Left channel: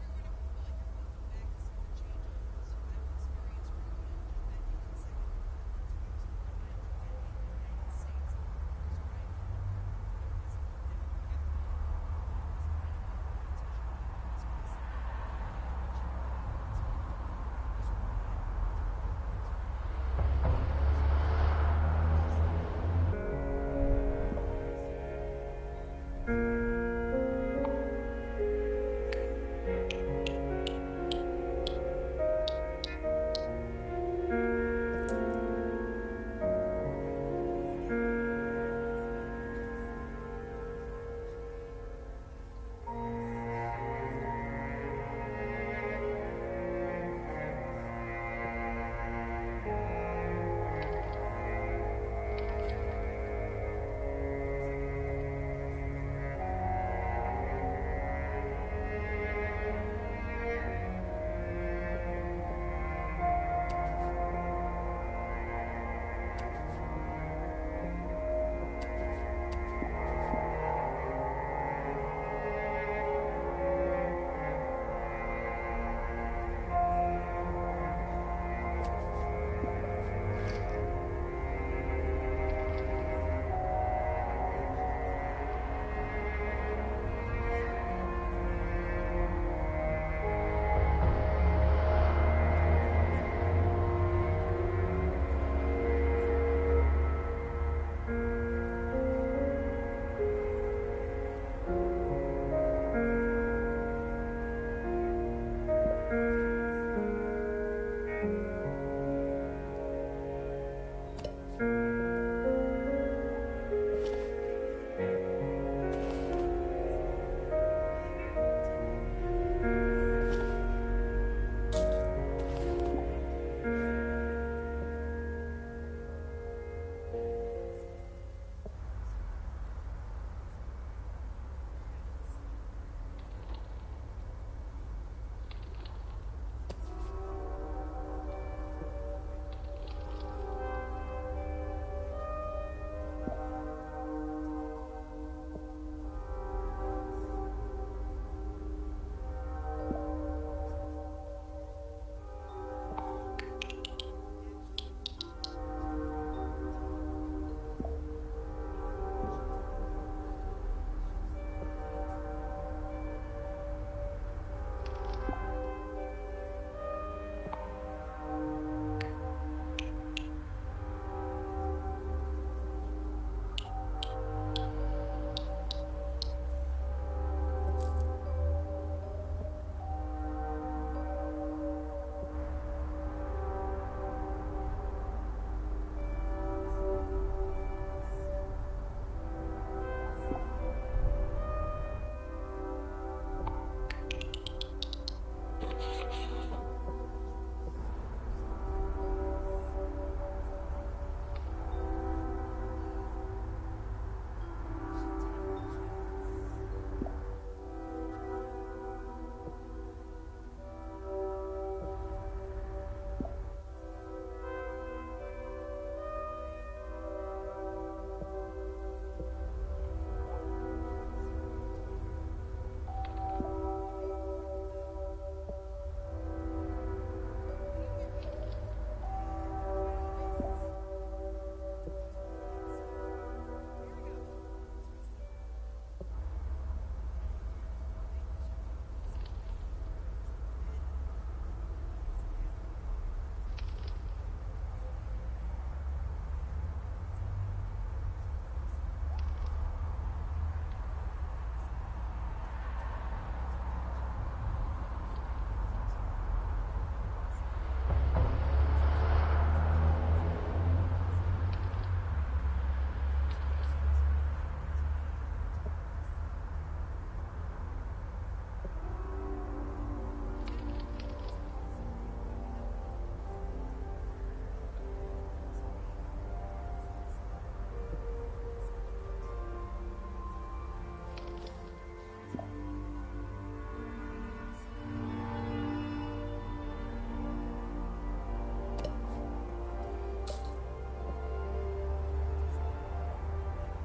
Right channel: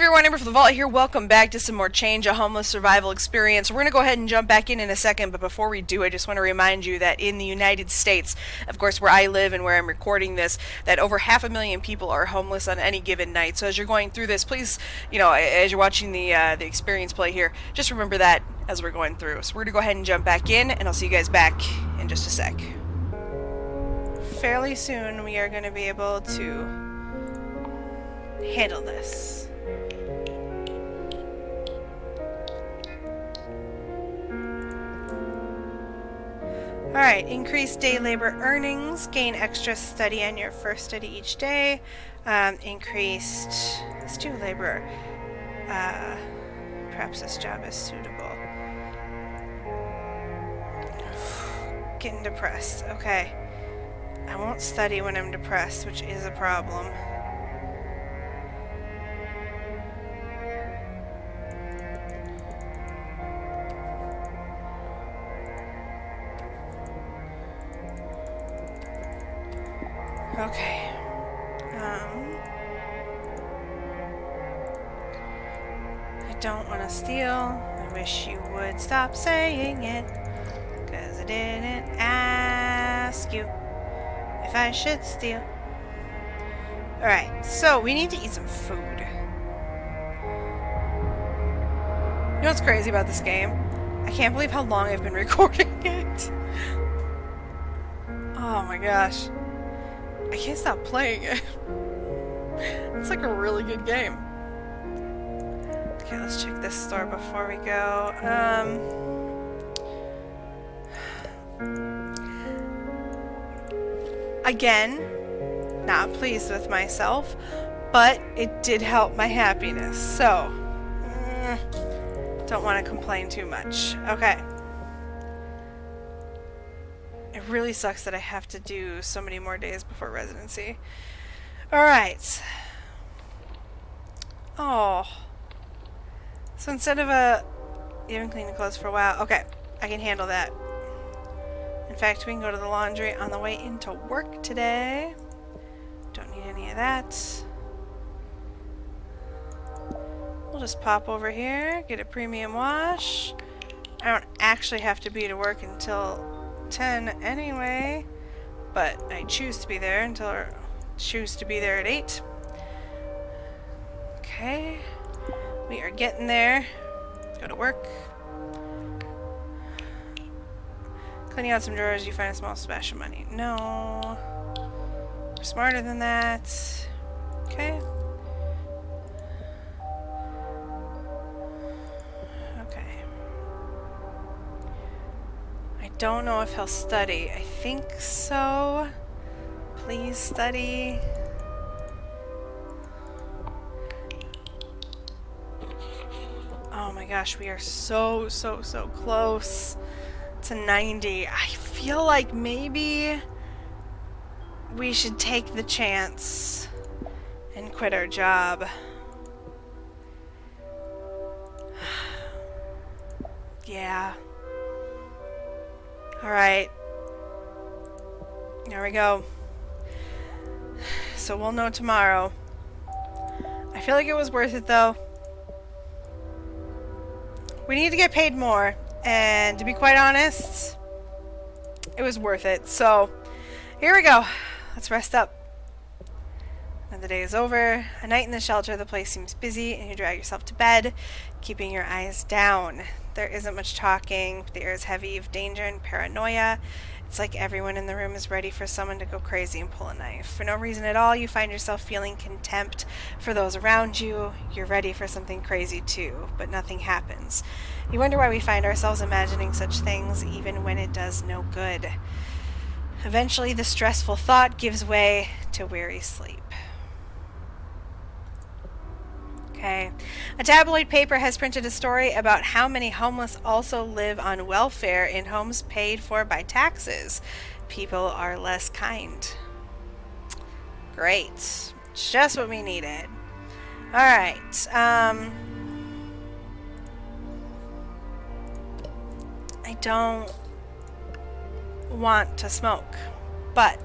everyone, AmberFrmThVault here. Welcome back to some more Change a Homeless Survival Experience. We're going to go ahead and jump back in a second, but before we do, I just want to remind you that in the United States, of course where I live and where I'm recording this, that over 500,000 people are homeless on any given night. So as you're going through this, please, as you're watching the experience play here, just remember that as we're going through. So we're going to go ahead and jump back in, and I'll see you guys back in just a sec. Fairly soon we are going to be able to handle this. Alright, increase day labor earnings, gain extra study on your first study each day, increased, let's do labor, perhaps this job is suitable. Getting depressed, okay. I won't study when I'm depressed, which is a problem. Okay. I don't want to steal. I wish you would stop saying it, 'cause I didn't ask you if I should steal. Alright, so we need to eat some food. You know what's crazy about this game? I can't believe how long I've been recording it. Oh my gosh. I can't stop playing it. It's like a really good game. Okay, let's check this store before we go. Again, not pleased with myself, but it did help my happiness, so don't want to complain too much. Okay. It really sucks that I have to do so many more days before residency. Alright. Oh. So instead of you haven't cleaned the clothes for a while. Okay, I can handle that. In fact, we can go to the laundry on the way into work today. Don't need any of that. We'll just pop over here, get a premium wash. I don't actually have to be to work until 10 anyway, but I choose to be there at 8. Okay, we are getting there. Go to work. Cleaning out some drawers, you find a small splash of money. No, we're smarter than that. Okay. Don't know if he'll study. I think so. Please study. Oh my gosh, we are so close to 90. I feel like maybe we should take the chance and quit our job. Yeah. Alright, there we go. So we'll know tomorrow. I feel like it was worth it though. We need to get paid more, and to be quite honest, it was worth it. So here we go. Let's rest up. Another day is over. A night in the shelter, the place seems busy, and you drag yourself to bed, keeping your eyes down. There isn't much talking. The air is heavy of danger and paranoia. It's like everyone in the room is ready for someone to go crazy and pull a knife. For no reason at all, you find yourself feeling contempt for those around you. You're ready for something crazy too, but nothing happens. You wonder why we find ourselves imagining such things, even when it does no good. Eventually, the stressful thought gives way to weary sleep. Okay. A tabloid paper has printed a story about how many homeless also live on welfare in homes paid for by taxes. People are less kind. Great. Just what we needed. Alright. I don't want to smoke, but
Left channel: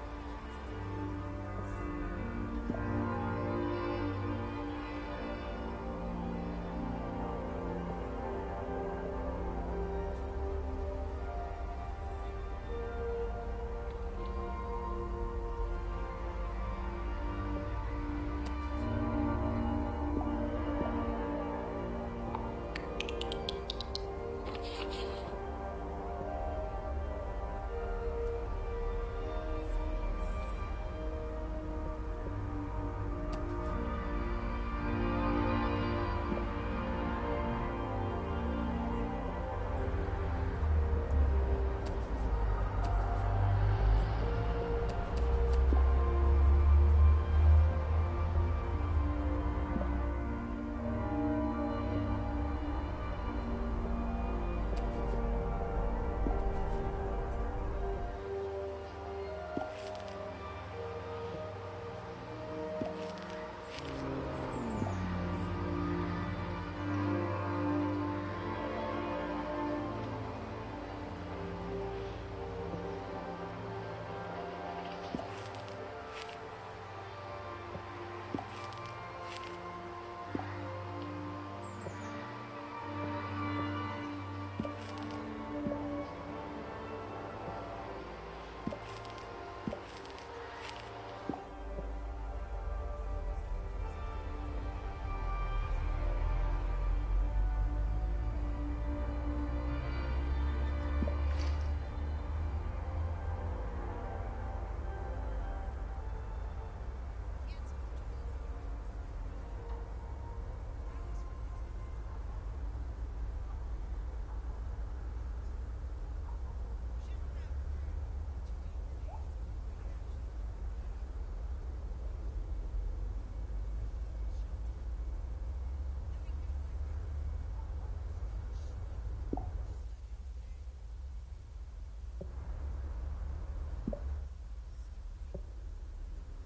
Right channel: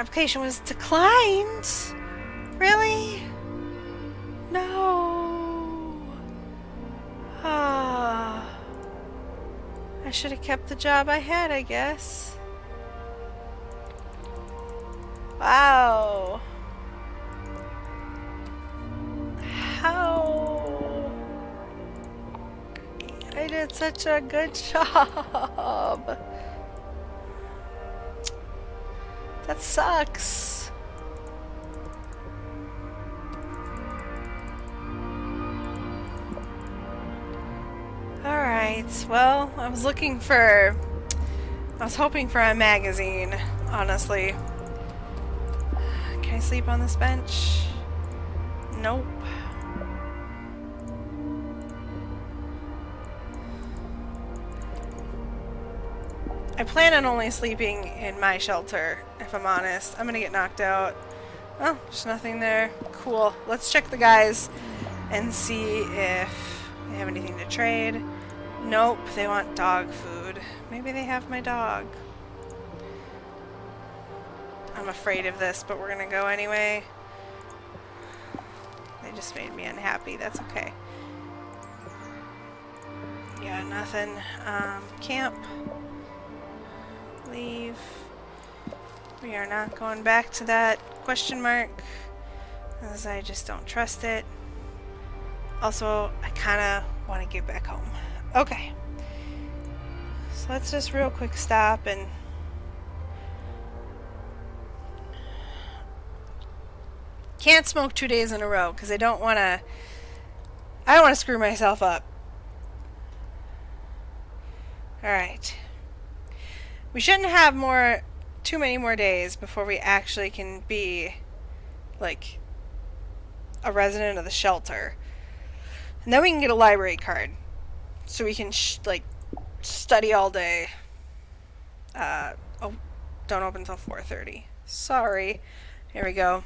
application was declined. Really? No. Ah. I should have kept the job I had, I guess. Wow. How? I did such a good job. That sucks. Alright, well, I was hoping for a magazine, honestly. Can I sleep on this bench? Nope. I plan on only sleeping in my shelter, if I'm honest. I'm gonna get knocked out. Oh, there's nothing there. Cool. Let's check the guys and see if they have anything to trade. Nope, they want dog food. Maybe they have my dog. I'm afraid of this, but we're gonna go anyway. They just made me unhappy. That's okay. Yeah, nothing. Camp. Leave. We are not going back to that question mark, as I just don't trust it. Also, I kind of want to get back home. Okay. So let's just real quick stop and can't smoke 2 days in a row because I don't want to screw myself up. Alright. We shouldn't have too many more days before we actually can be, like, a resident of the shelter. And then we can get a library card. So we can, study all day. Oh, don't open until 4:30. Sorry. Here we go.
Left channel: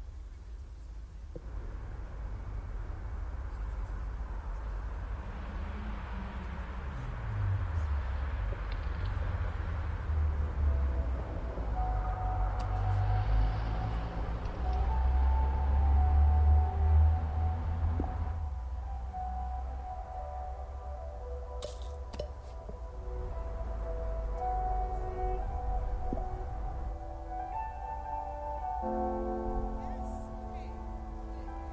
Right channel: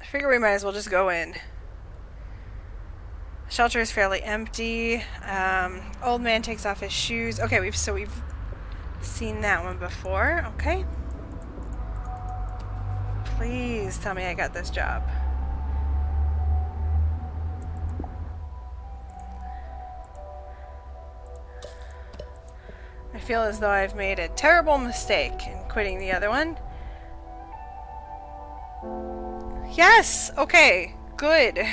I figure we might as well just go in. The shelter is fairly empty. Old man takes off his shoes. Okay, we've seen that one before. Okay. Please tell me I got this job. I feel as though I've made a terrible mistake in quitting the other one. Yes! Okay. Good.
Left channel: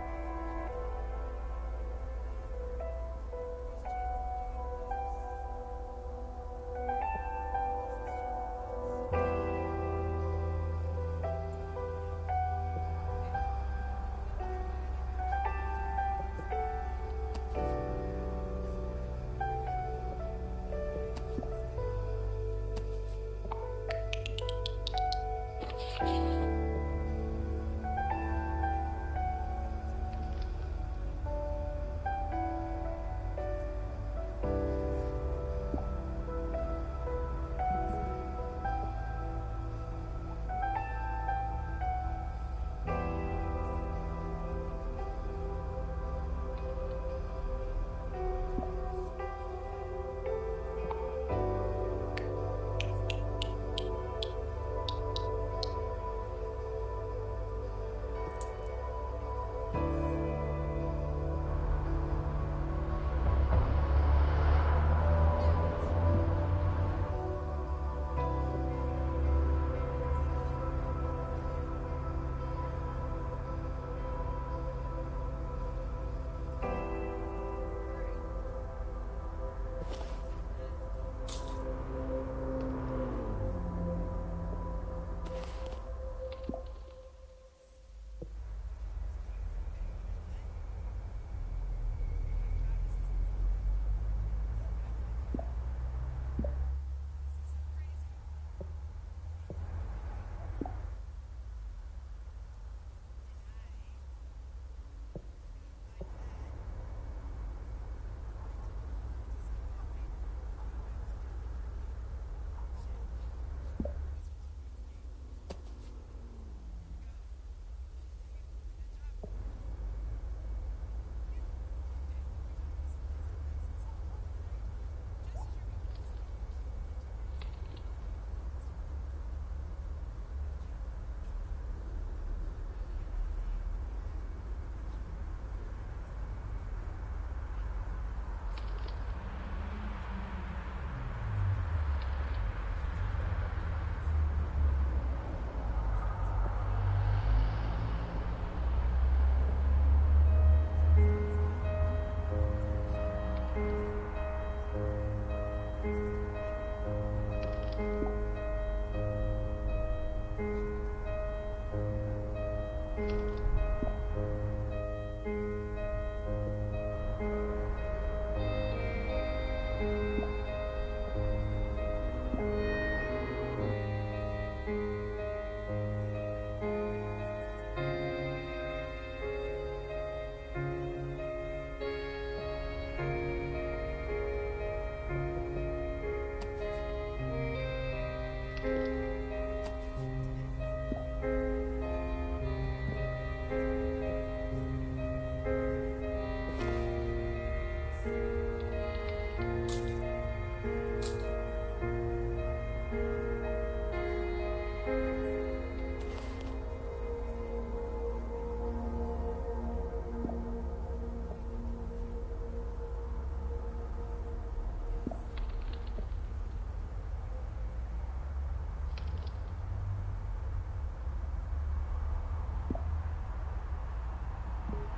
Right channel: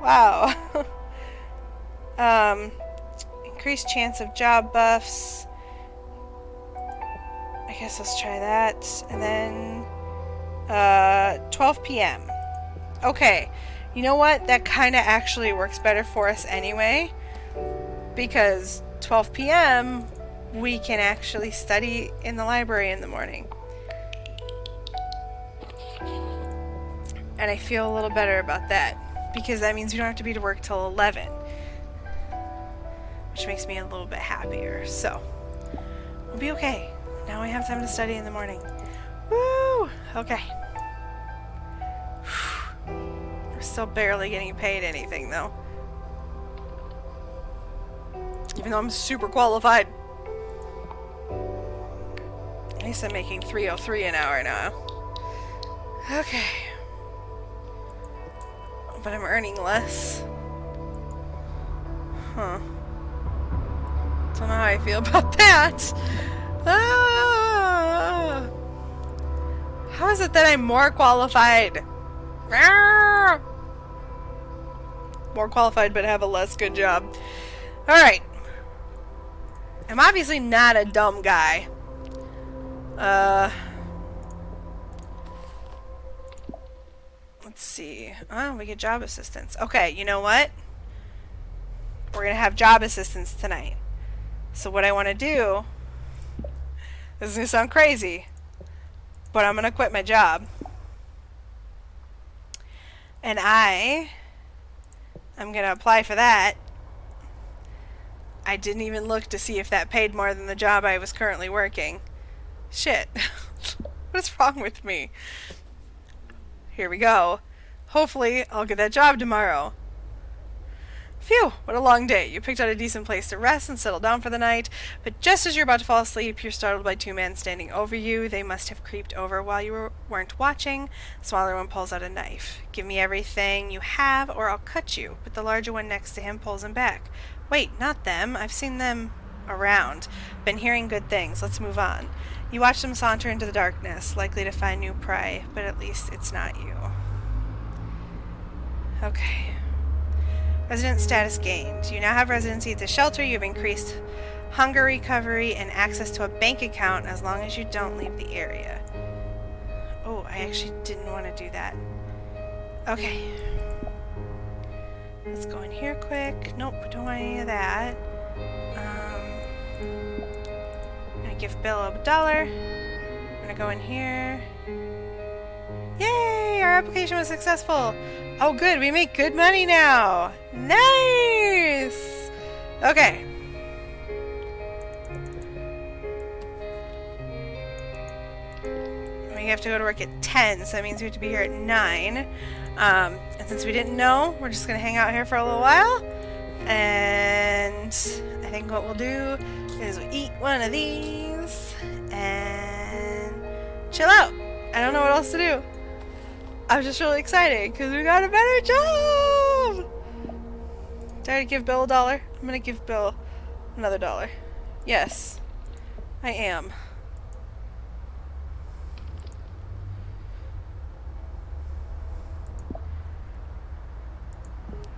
Wow. Increased chance of job buffs. I guess let's try that. And then 12 p.m. Okay. You know what? That kind of actually works better for us anyway. Because 12 p.m. we can actually study in the library in the morning. And I feel a little better about that. Because that means we don't have to be to work till 11. Which makes me a little bit happier. So, we'll be okay. Now we have time to study in the morning. Woo! Okay. We're still barely getting paid anything, though. Even though I'm super qualified. At least I'm making $3.03 an hour now. Okay. But I'm earning less. Huh. Don't know how I feel about that. Ah! How is it that I'm more qualified? Ah! More qualified but have a less good job. Alright. I'm obviously not a dumb guy. Let's see. Oh, we get job assistance. Okay, you know what? We're gonna have job assistance tonight. So what I want to do, this is gonna sound crazy, but I'm gonna quit my job. And I'm gonna apply for that. I didn't even look to see if that paid more than the job I was currently working. Shit. What is wrong with me? Here we go. Hopefully, I'll get that job tomorrow. Phew, what a long day. You picked out a decent place to rest and settle down for the night, but just as you're about to fall asleep, you're startled by two men standing over you. They must have creeped over while you weren't watching. The smaller one pulls out a knife. Give me everything you have or I'll cut you. But the larger one next to him pulls him back. Wait, not them. I've seen them around. Been hearing good things. Let's move on. You watch them saunter into the darkness, likely to find new prey, but at least it's not you. Okay. Resident status gained. You now have residency at the shelter. You've increased hunger recovery and access to a bank account as long as you don't leave the area. Oh, I actually didn't want to do that. Okay. Let's go in here quick. Nope, don't want any of that. I'm gonna give Bill $1. I'm gonna go in here. Yay! Our application was successful. Oh good, we make good money now! Nice! Okay. We have to go to work at 10, so that means we have to be here at 9. And since we didn't know, we're just gonna hang out here for a little while. And I think what we'll do is we'll eat one of these and chill out. I don't know what else to do. I'm just really excited because we got a better job! Did I give Bill $1? I'm gonna give Bill another $1. Yes, I am.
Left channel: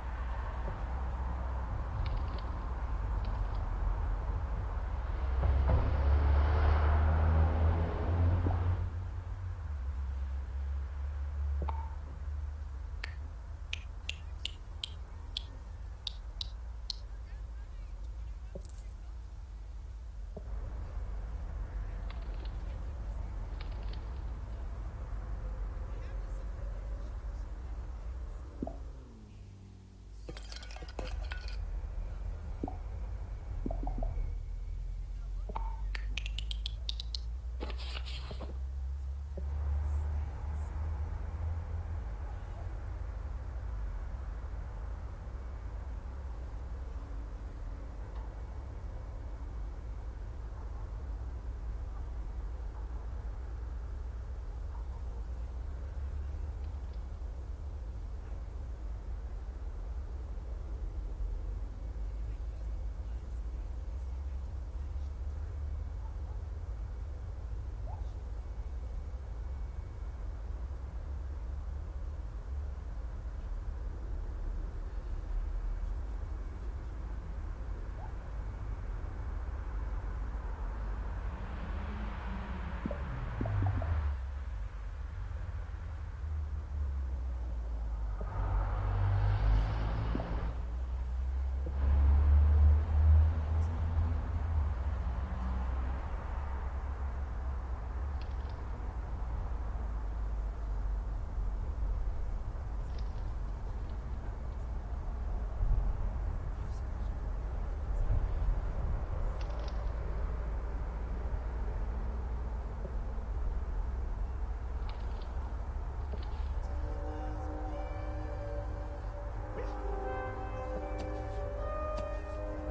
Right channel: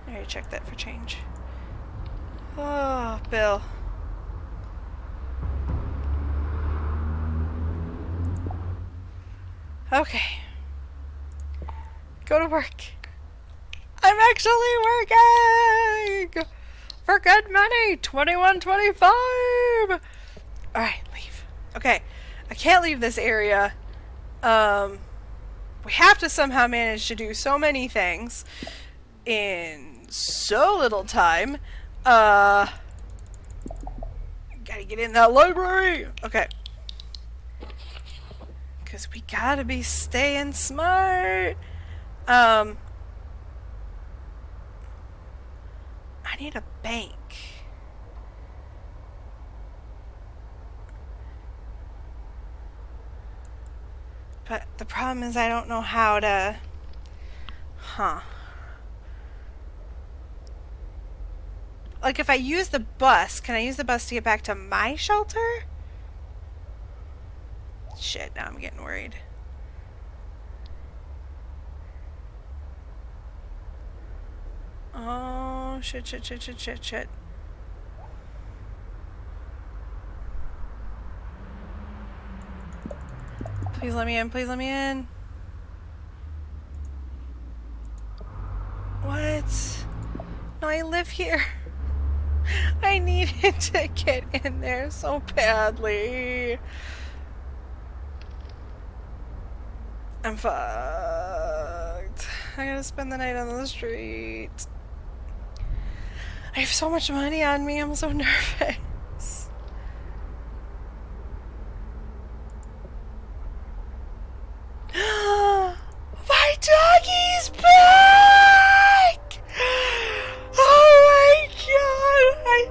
I already checked that for change. Oh, Bill. Okay. Go to work. I'm actually working for good money. $21.25. All right, leave. Okay, I can't leave this area. We have to somehow manage to do so many things in so little time. Gotta get in that library. Okay. Because we gotta be staying smart. I need a bank. But the problem is I don't know how to... Like if I use the bus, can I use the bus to get back to my shelter? Shit, now I'm getting worried. Oh, shit. Please let me in, please let me in. What? No, I live here. I needed to get in there so badly. I'm fucked. I gotta spend the night on the street. I have so much money on me, I'm so nervous. My doggy's back! Oh my god, my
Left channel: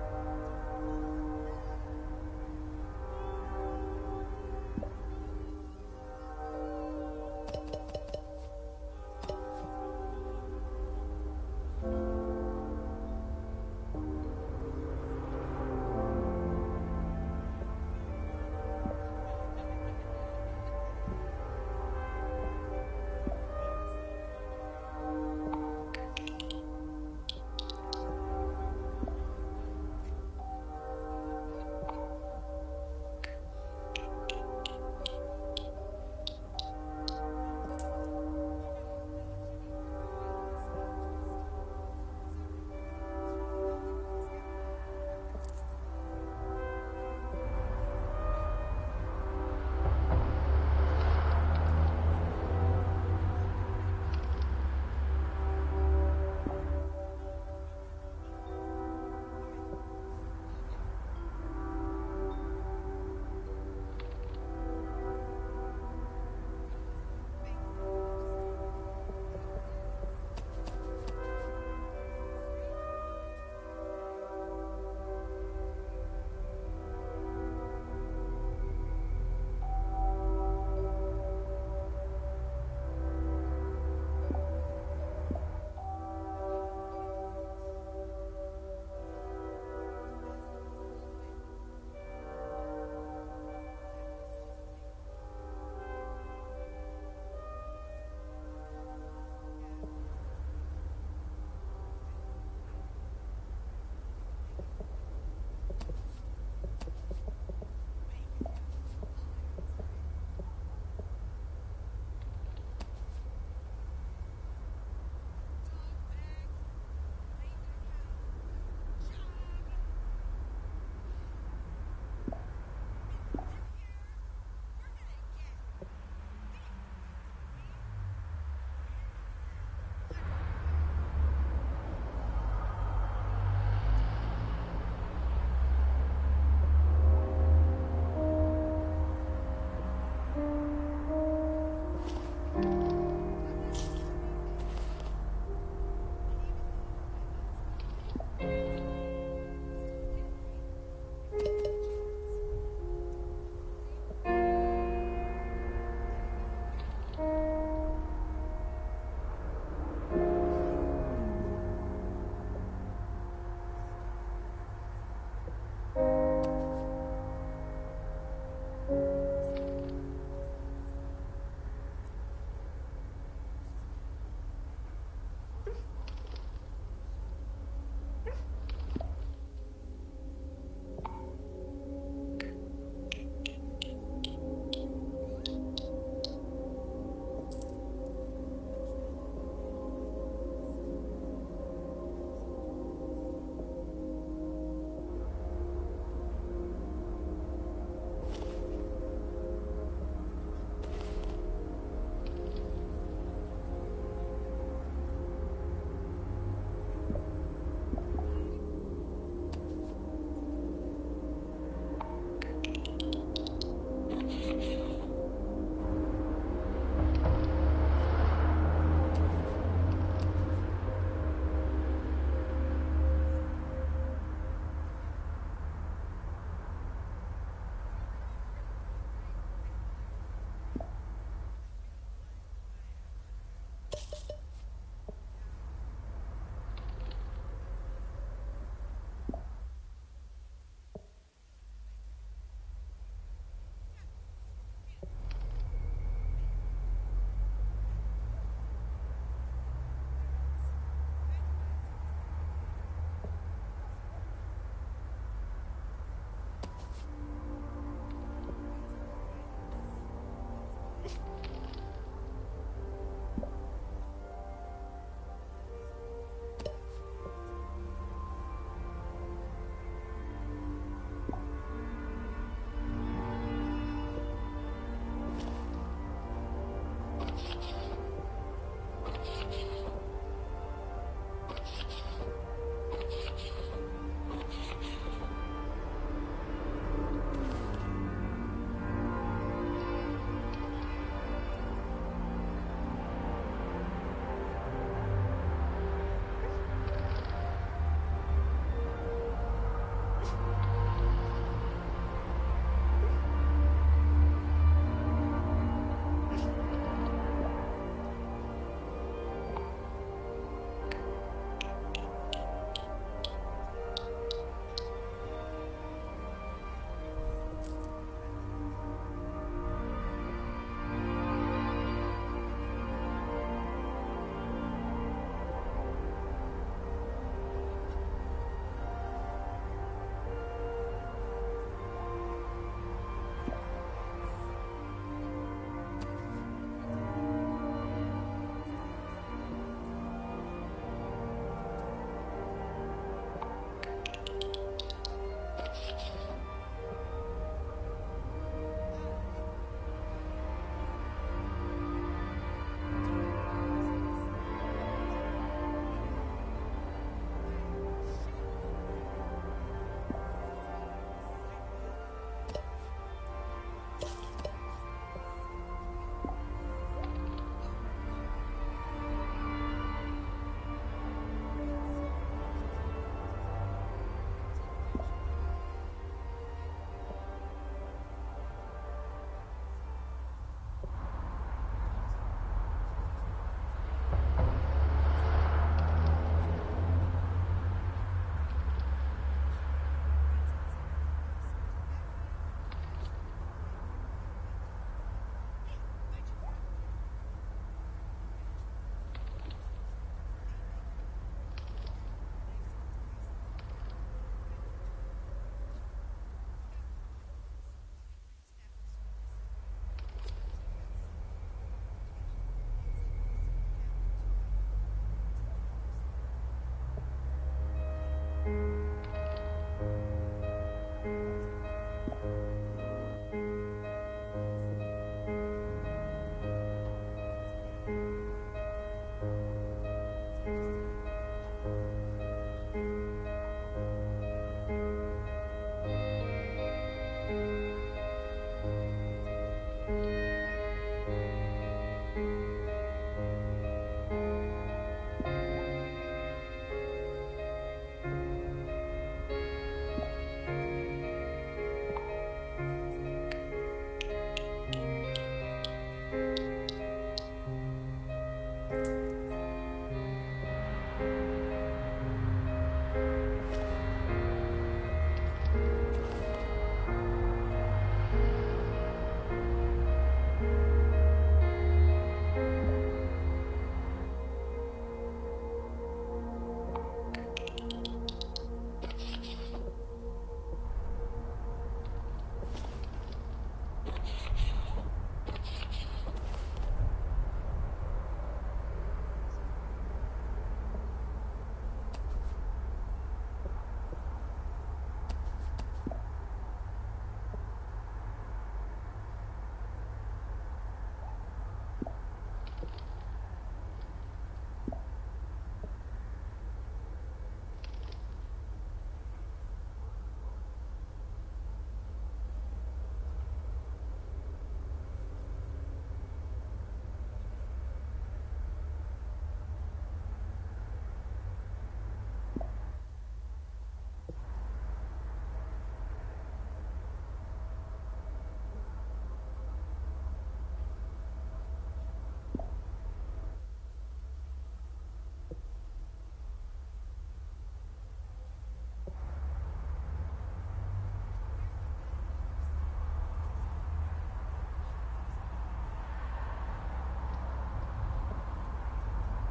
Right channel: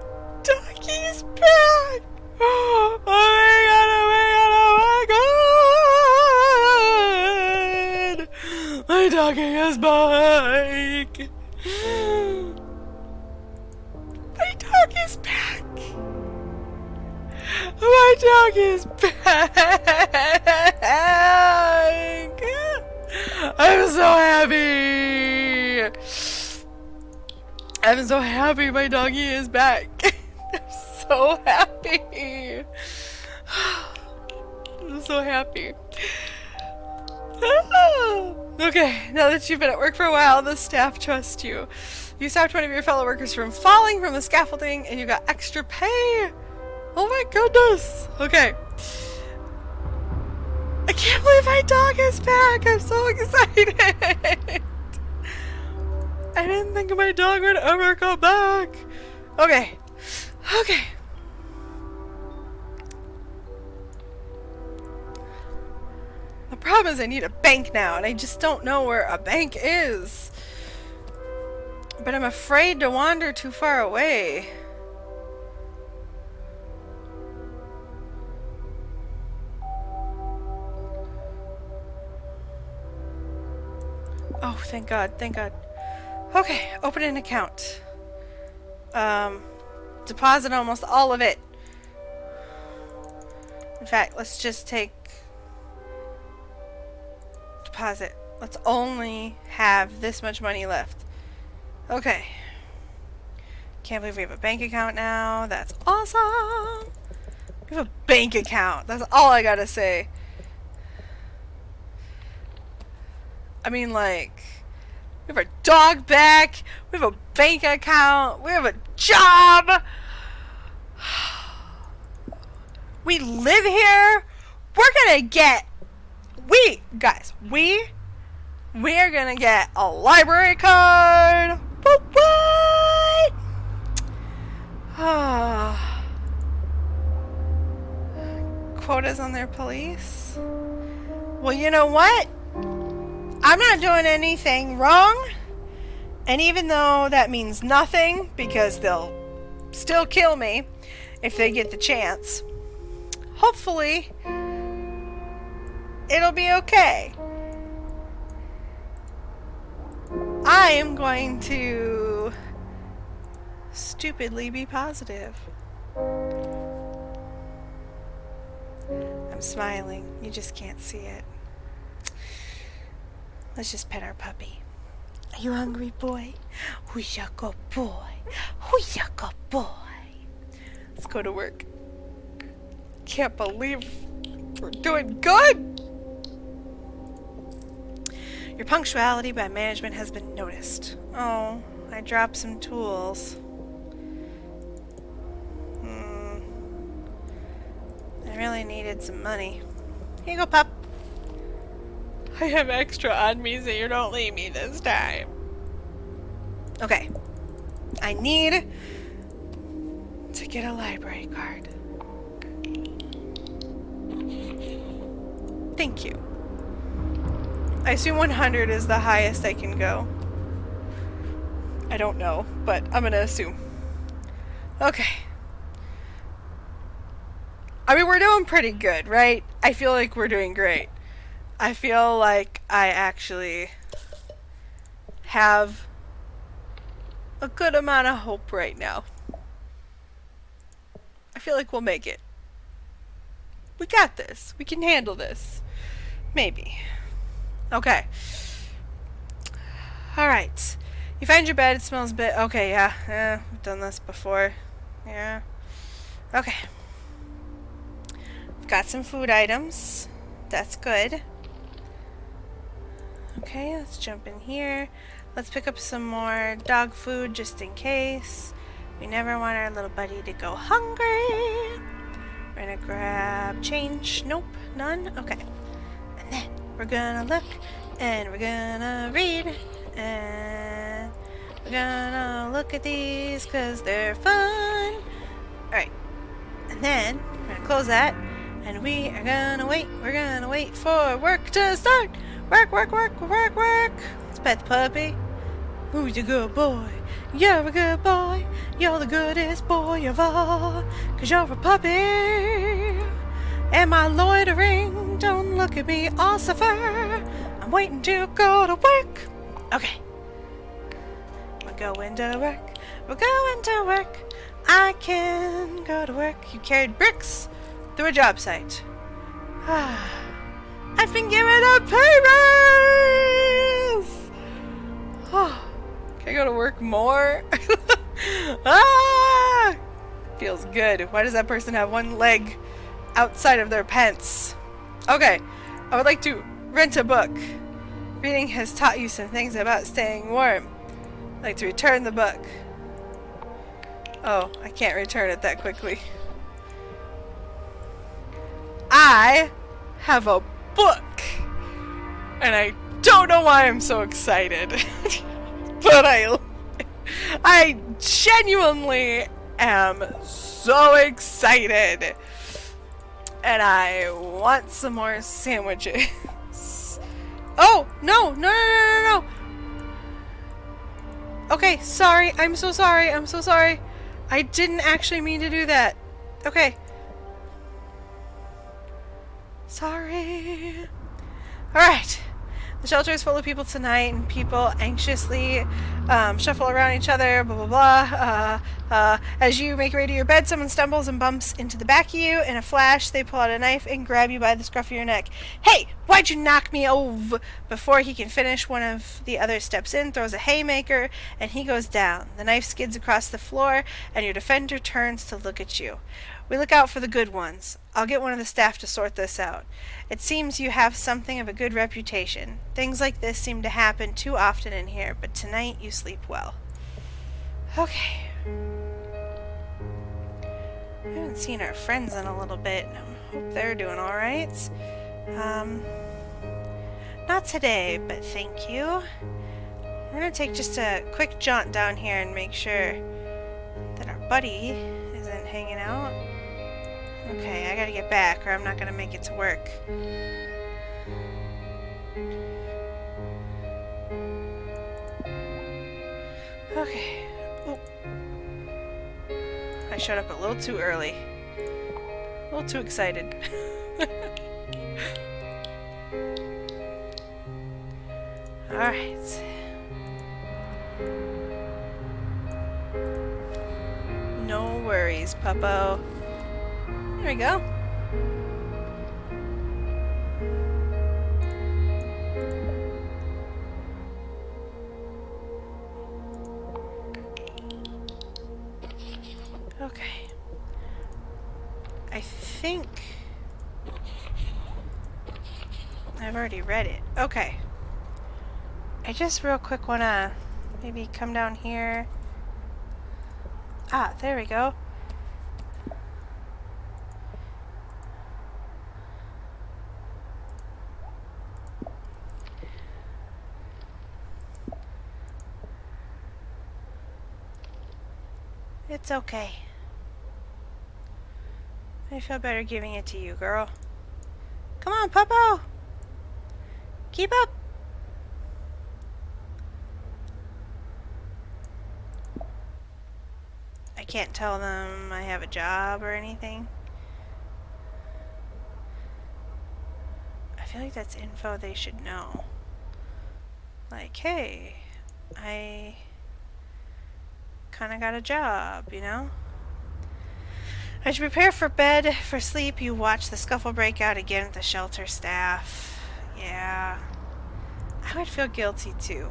doggy's back! Oh my god, my doggy is back! My dog is back! My dog is back! I'm so happy! I'm so happy my doggy is back! I'm so happy! I'm so happy. Okay, now that you've been at work for a while, the staff trust you. You stopped one of your fellow workers from falling from the scaffolding and you got extra pay! Oh my goodness! Okay. I can't believe my dog is back! I'm so excited! I didn't think my dog would ever come back! Okay. Okay. The problem is I need a bank now, and I just don't know where a bank is. But I'm afraid to wander too far away. Oh, thank God, thank God. Okay, open an account. Deposit almost all of it. In fact, let's just take deposit. Let's only have this much money left. Okay. Can't believe we have a bank account now. That's awesome. We have a bank account. That's all I gotta say. I mean, like, we have our dog back. We have a bank account. We have a job. We live here. We're gonna get, we are gonna get a library card. What? Quotas on their police. Well, you know what? I'm not doing anything wrong. And even though that means nothing, because they'll still kill me if they get the chance, hopefully it'll be okay. I am going to stupidly be positive. I'm smiling. You just can't see it. Let's just pet our puppy. Are you hungry, boy? Who's your good boy? Who's your good boy? Let's go to work. Can't believe we're doing good. Your punctuality by management has been noticed. Oh, I dropped some tools. I really needed some money. Here you go, pup. I have extra on me, so you don't leave me this time. Okay. I need to get a library card. Thank you. I assume 100 is the highest I can go. I don't know, but I'm gonna assume. Okay. I mean, we're doing pretty good, right? I feel like we're doing great. I feel like I actually have a good amount of hope right now. I feel like we'll make it. We got this. We can handle this. Maybe. Okay. Alright. You find your bed, it smells a bit... Okay, yeah. We've done this before. Yeah. Okay. Got some food items. That's good. Okay, let's jump in here. Let's pick up some more dog food just in case. We never want our little buddy to go hungry. We're gonna grab change. Nope, none. Okay. And then we're gonna look and we're gonna read and we're gonna look at these because they're fun. Alright. And then we're gonna close that and we are gonna wait. We're gonna wait for work to start. Work, work, work, work, work. Let's pet the puppy. Who's a good boy? You're a good boy. You're the goodest boy of all. 'Cause you're a puppy. Am I loitering? Don't look at me all suffer. I'm waiting to go to work. Okay. We're going to work. We're going to work. I can go to work. You carried bricks through a job site. I've been given a pay raise! Oh, can I go to work more? Ah! Feels good. Why does that person have one leg outside of their pants? Okay, I would like to rent a book. Reading has taught you some things about staying warm. I'd like to return the book. Oh, I can't return it that quickly. I have a book, and I don't know why I'm so excited, but I genuinely am so excited, and I want some more sandwiches. Oh, no, no, no, no, no, no. Okay, sorry. I'm so sorry. I'm so sorry. I didn't actually mean to do that. Okay. Sorry. Alright. The shelter is full of people tonight, and people anxiously shuffle around each other, blah, blah, blah. As you make your way to your bed, someone stumbles and bumps into the back of you. In a flash, they pull out a knife and grab you by the scruff of your neck. Hey, why'd you knock me over? Before he can finish, one of the others steps in, throws a haymaker, and he goes down. The knife skids across the floor, and your defender turns to look at you. We look out for the good ones. I'll get one of the staff to sort this out. It seems you have something of a good reputation. Things like this seem to happen too often in here, but tonight you sleep well. Okay. I haven't seen our friends in a little bit. I hope they're doing alright. Not today, but thank you. We're gonna take just a quick jaunt down here and make sure that our buddy isn't hanging out. Okay, I gotta get back or I'm not gonna make it to work. Okay. Oh. I showed up a little too early. A little too excited. Alright. No worries, Puppo. There we go. Okay. I think I've already read it. Okay. I just real quick wanna maybe come down here. Ah, there we go. It's okay. I feel better giving it to you, girl. Come on, Puppo! Keep up! I can't tell them I have a job or anything. I feel like that's info they should know. Like, hey, I kind of got a job, you know? As you prepare for bed, for sleep, you watch the scuffle break out again with the shelter staff. Yeah. I would feel guilty too.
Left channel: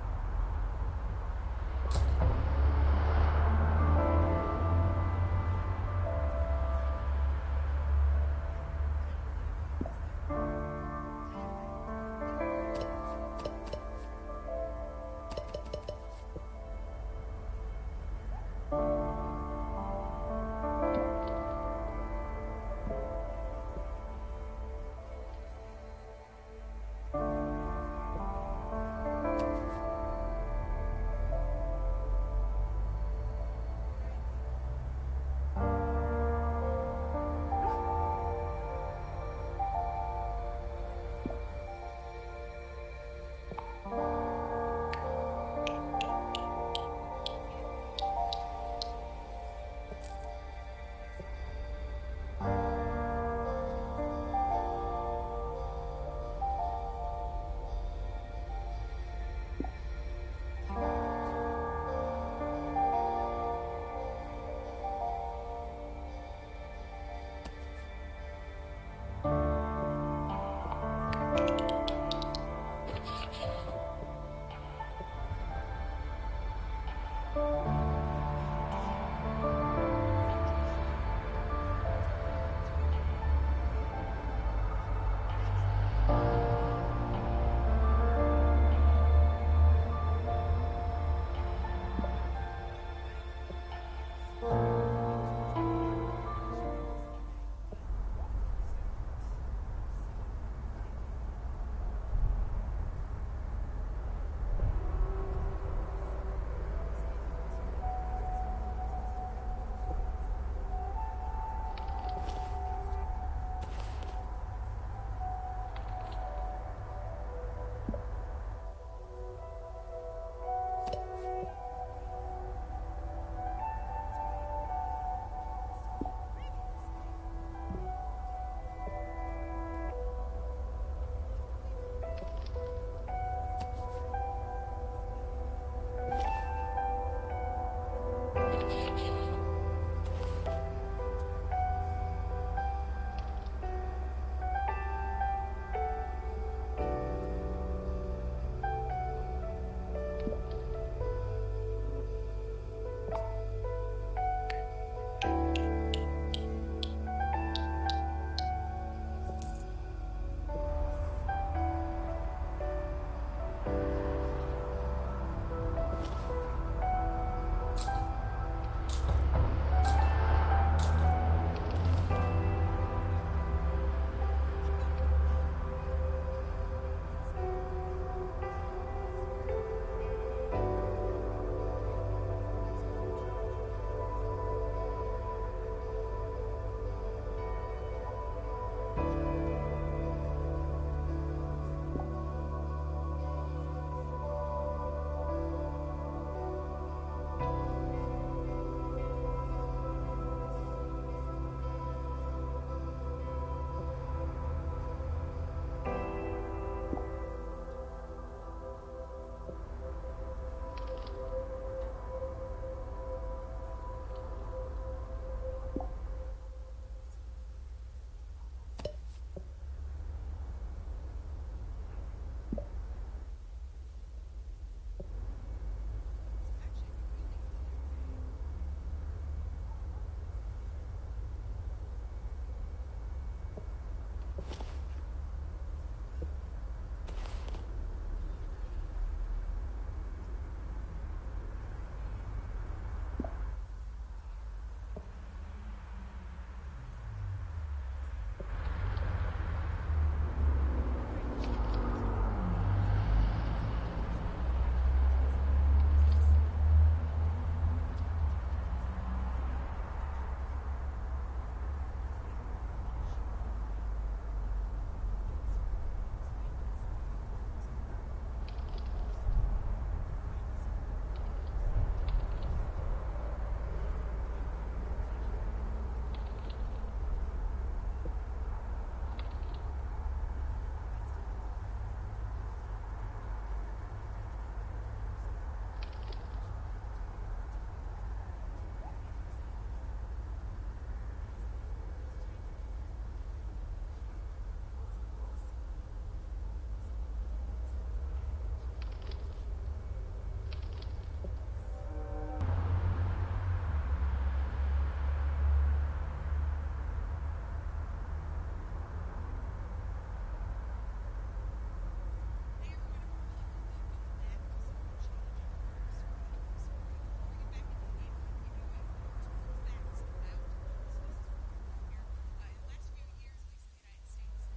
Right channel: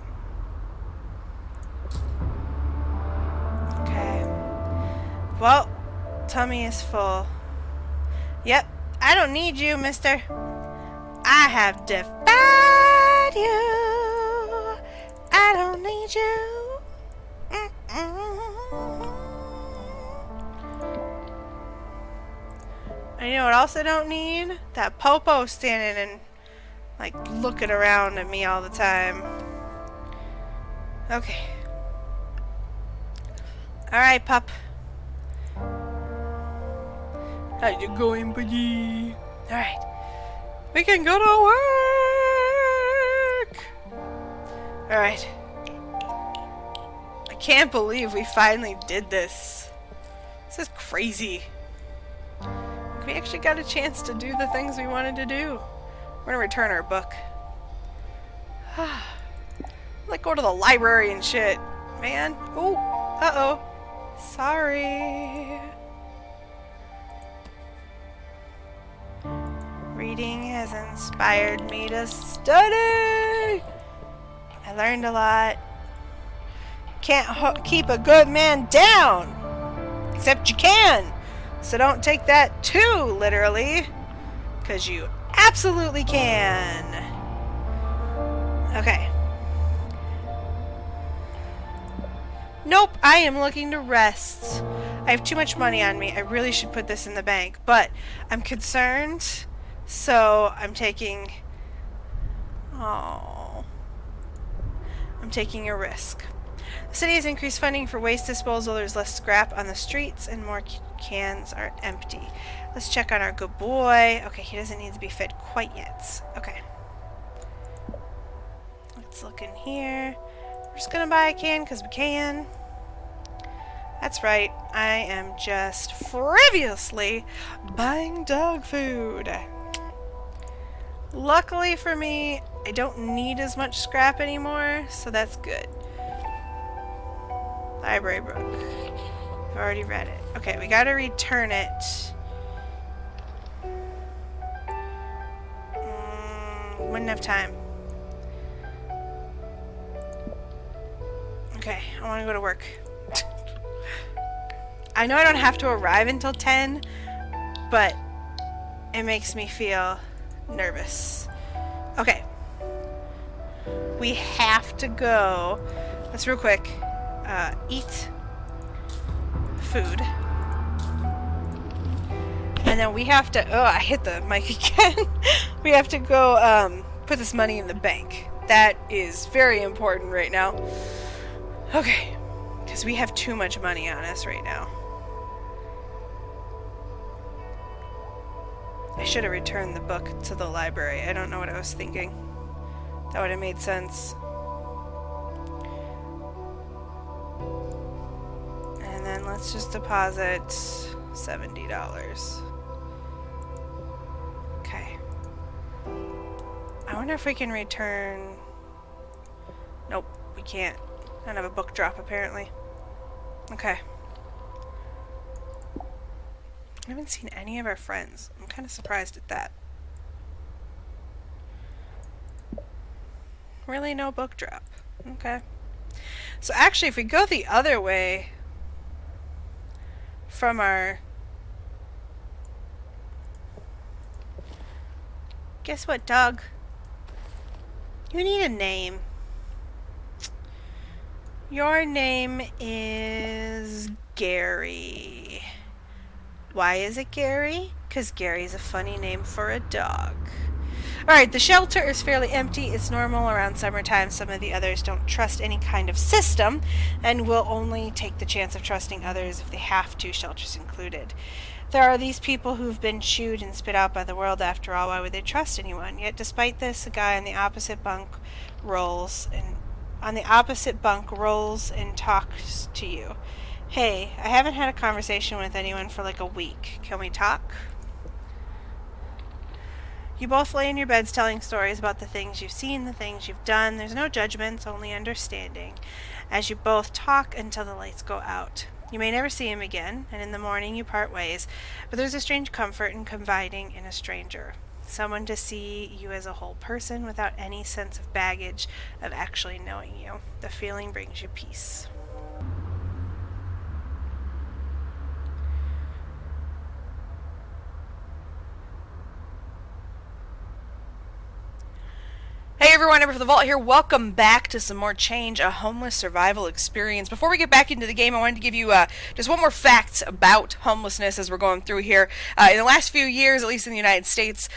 Okay. Well, tummy is full. Yep, I don't need you, mister. I have defied you. I don't need you. And you know what else I don't need? That Popo standing and like looking around at me all the time. Okay. Alright, pup. How you going, buddy? Alright. We can go to work! Alright. I can't believe we finally did this. This is crazy. We actually got a chance to do the things we wanted to do. We're gonna return our book. Like go to the library and shit. Man. Oh, uh-oh. Sorry. Reading has inspired me to study. I learned a lot. Can't keep a good man down. Except you can. So don't take that too literally. Because you absolutely can. Okay. Nope, I am looking to rest. I have too much money on me. I really should put this in the bank. But I'm concerned. So I'm taking... Oh. I'm taking a risk. The city has increased funding for waste disposal. There's less scrap on the streets and more cans are empty. Let's check on our good boy. Okay, he doesn't need to be fed quite yet. Okay. Let's look in here. just gonna buy a can because we can. That's right, I am just frivolously buying dog food. Luckily for me, I don't need as much scrap anymore, so that's good. Library book. I've already read it. Okay, we gotta return it. Wouldn't have time. Okay, I want to go to work. I know I don't have to arrive until 10, but it makes me feel nervous. Okay. We have to go. Let's real quick eat food. And then we have to... Oh, I hit the mic again. We have to go put this money in the bank. That is very important right now. Okay. Because we have too much money on us right now. I should have returned the book to the library. I don't know what I was thinking. That would have made sense. And then let's just deposit $70. Okay. I wonder if we can return... Nope, we can't. I don't have a book drop apparently. Okay. I haven't seen any of our friends. I'm kind of surprised at that. Really no book drop. Okay. So actually, if we go the other way from our... Guess what, dog? You need a name. Your name is Gary. Why is it Gary? Because Gary's a funny name for a dog. Alright, the shelter is fairly empty. It's normal around summertime. Some of the others don't trust any kind of system and will only take the chance of trusting others if they have to, shelters included. There are these people who've been chewed and spit out by the world after all. Why would they trust anyone? Yet despite this, a guy on the opposite bunk rolls and talks to you. Hey, I haven't had a conversation with anyone for like a week. Can we talk? You both lay in your beds telling stories about the things you've seen, the things you've done. There's no judgments, only understanding. As you both talk until the lights go out. You may never see him again, and in the morning you part ways, but there's a strange comfort in confiding in a stranger. Someone to see you as a whole person without any sense of baggage of actually knowing you. The feeling brings you peace. Hey everyone, AmberFrmThVault here. Welcome back to some more Change, a homeless survival experience. Before we get back into the game, I wanted to give you just one more fact about homelessness as we're going through here. In the last few years, at least in the United States,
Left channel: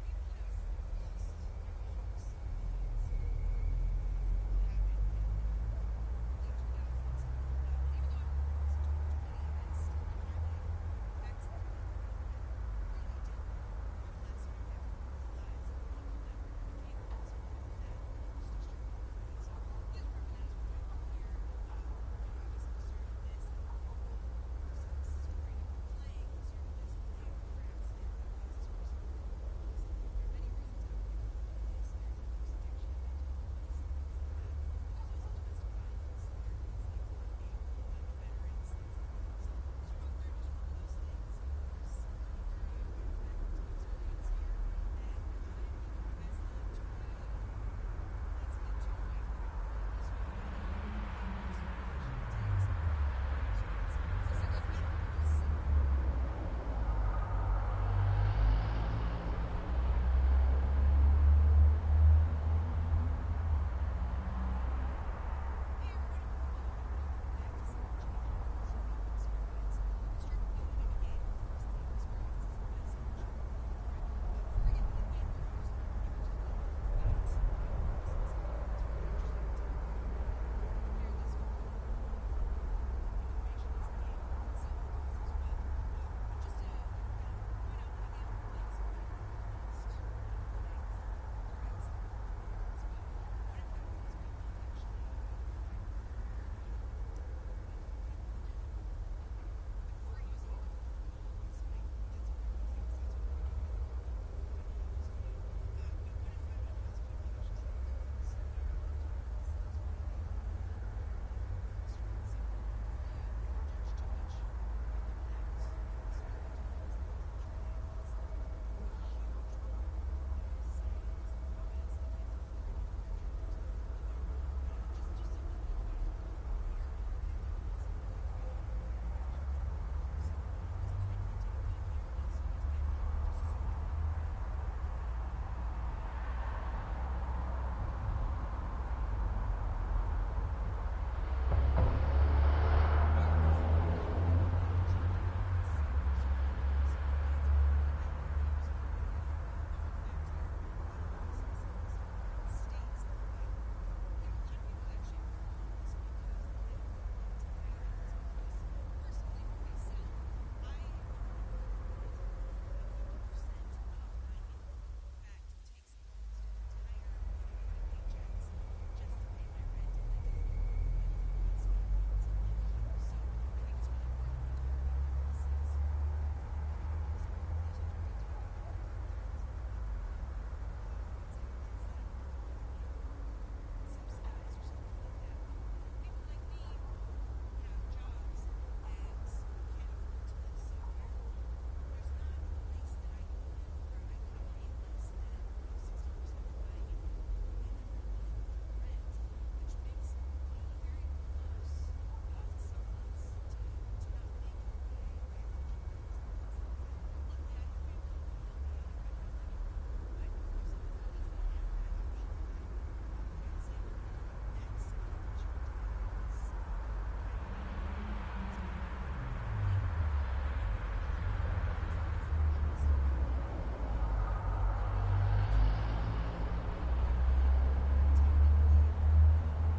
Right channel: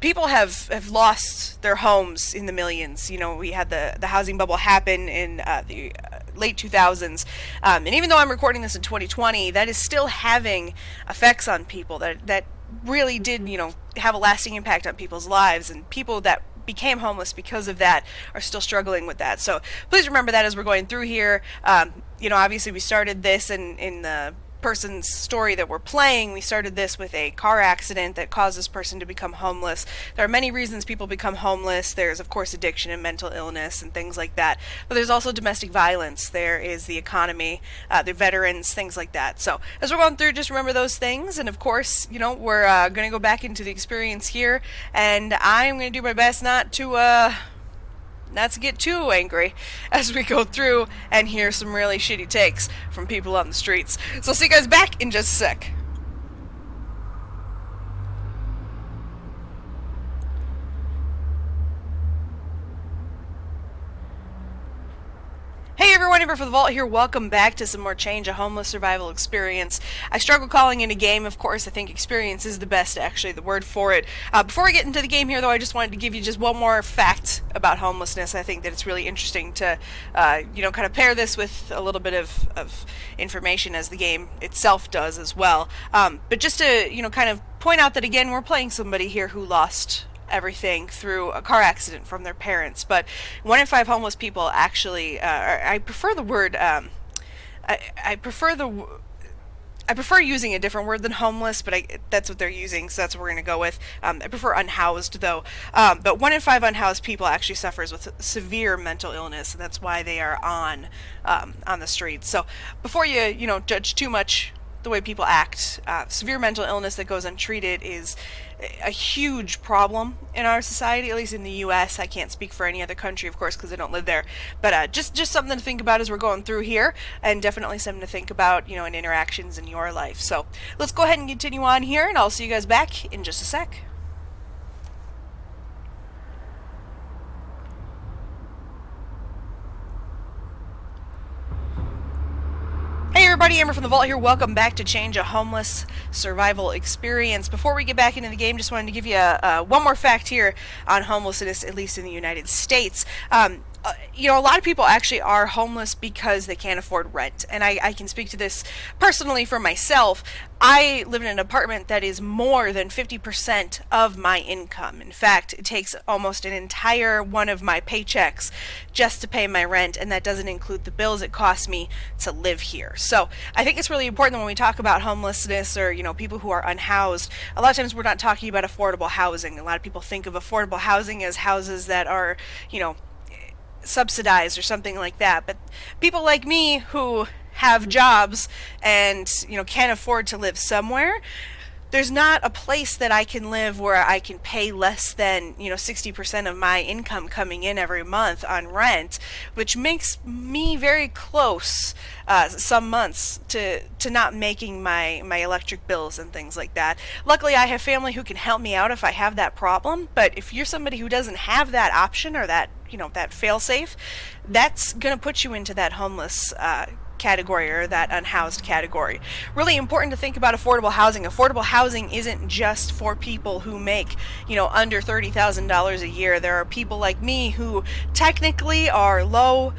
people have lost their homes in the millions. You know, we had the housing bubble happen in the late 2000s. And even though I'm recording this in 2020, that is still having effects on people that really did, you know, have a lasting impact on people's lives, and people that became homeless because of that are still struggling with that. So please remember that as we're going through here. You know, obviously we started this in the person's story that we're playing. We started this with a car accident that caused this person to become homeless. There are many reasons people become homeless. There's of course addiction and mental illness and things like that, but there's also domestic violence. There is the economy, the veterans, things like that. So as we're going through, just remember those things, and of course, you know, we're going to go back into the experience here, and I'm going to do my best not to get too angry as we go through and hear some really shitty takes from people on the streets. So I'll see you guys back in just a sec. Hey everyone, AmberFrmThVault here. Welcome back to some more Change, a homeless survival experience. I struggle calling it a game, of course. I think experience is the best, actually, the word for it. Before we get into the game here, though, I just wanted to give you just one more fact about homelessness. I think that it's really interesting to, you know, kind of pair this with a little bit of information as the game itself does as well. But just to, you know, kind of point out that, again, we're playing somebody here who lost everything through a car accident from their parents. But 1 in 5 homeless people actually, I prefer the word, I prefer using a different word than homeless, but that's what they're using, so that's what we're going to go with. I prefer unhoused, though. But 1 in 5 unhoused people actually suffers with severe mental illness, and that's why they are on the streets. So before you judge too much the way people act, severe mental illness that goes untreated is a huge problem in our society, at least in the U.S. I can't speak for any other country, of course, because I don't live there. But just something to think about as we're going through here, and definitely something to think about, in interactions in your life. So let's go ahead and continue on here, and I'll see you guys back in just a sec. Hey everybody, AmberFrmThVault here. Welcome back to Change a Homeless Survival Experience. Before we get back into the game, just wanted to give you one more fact here on homelessness, at least in the United States. A lot of people actually are homeless because they can't afford rent. And I can speak to this personally for myself. I live in an apartment that is more than 50% of my income. In fact, it takes almost an entire one of my paychecks just to pay my rent, and that doesn't include the bills it costs me to live here. So I think it's really important that when we talk about homelessness or, people who are unhoused, a lot of times we're not talking about affordable housing. A lot of people think of affordable housing as houses that are, subsidized or something like that, but people like me who have jobs and can't afford to live somewhere, there's not a place that I can live where I can pay less than 60% of my income coming in every month on rent, which makes me very close some months to not making my electric bills and things like that. Luckily, I have family who can help me out if I have that problem, but if you're somebody who doesn't have that option or that that fail-safe, that's going to put you into that homeless category or that unhoused category. Really important to think about affordable housing. Affordable housing isn't just for people who make, under $30,000 a year. There are people like me who technically are low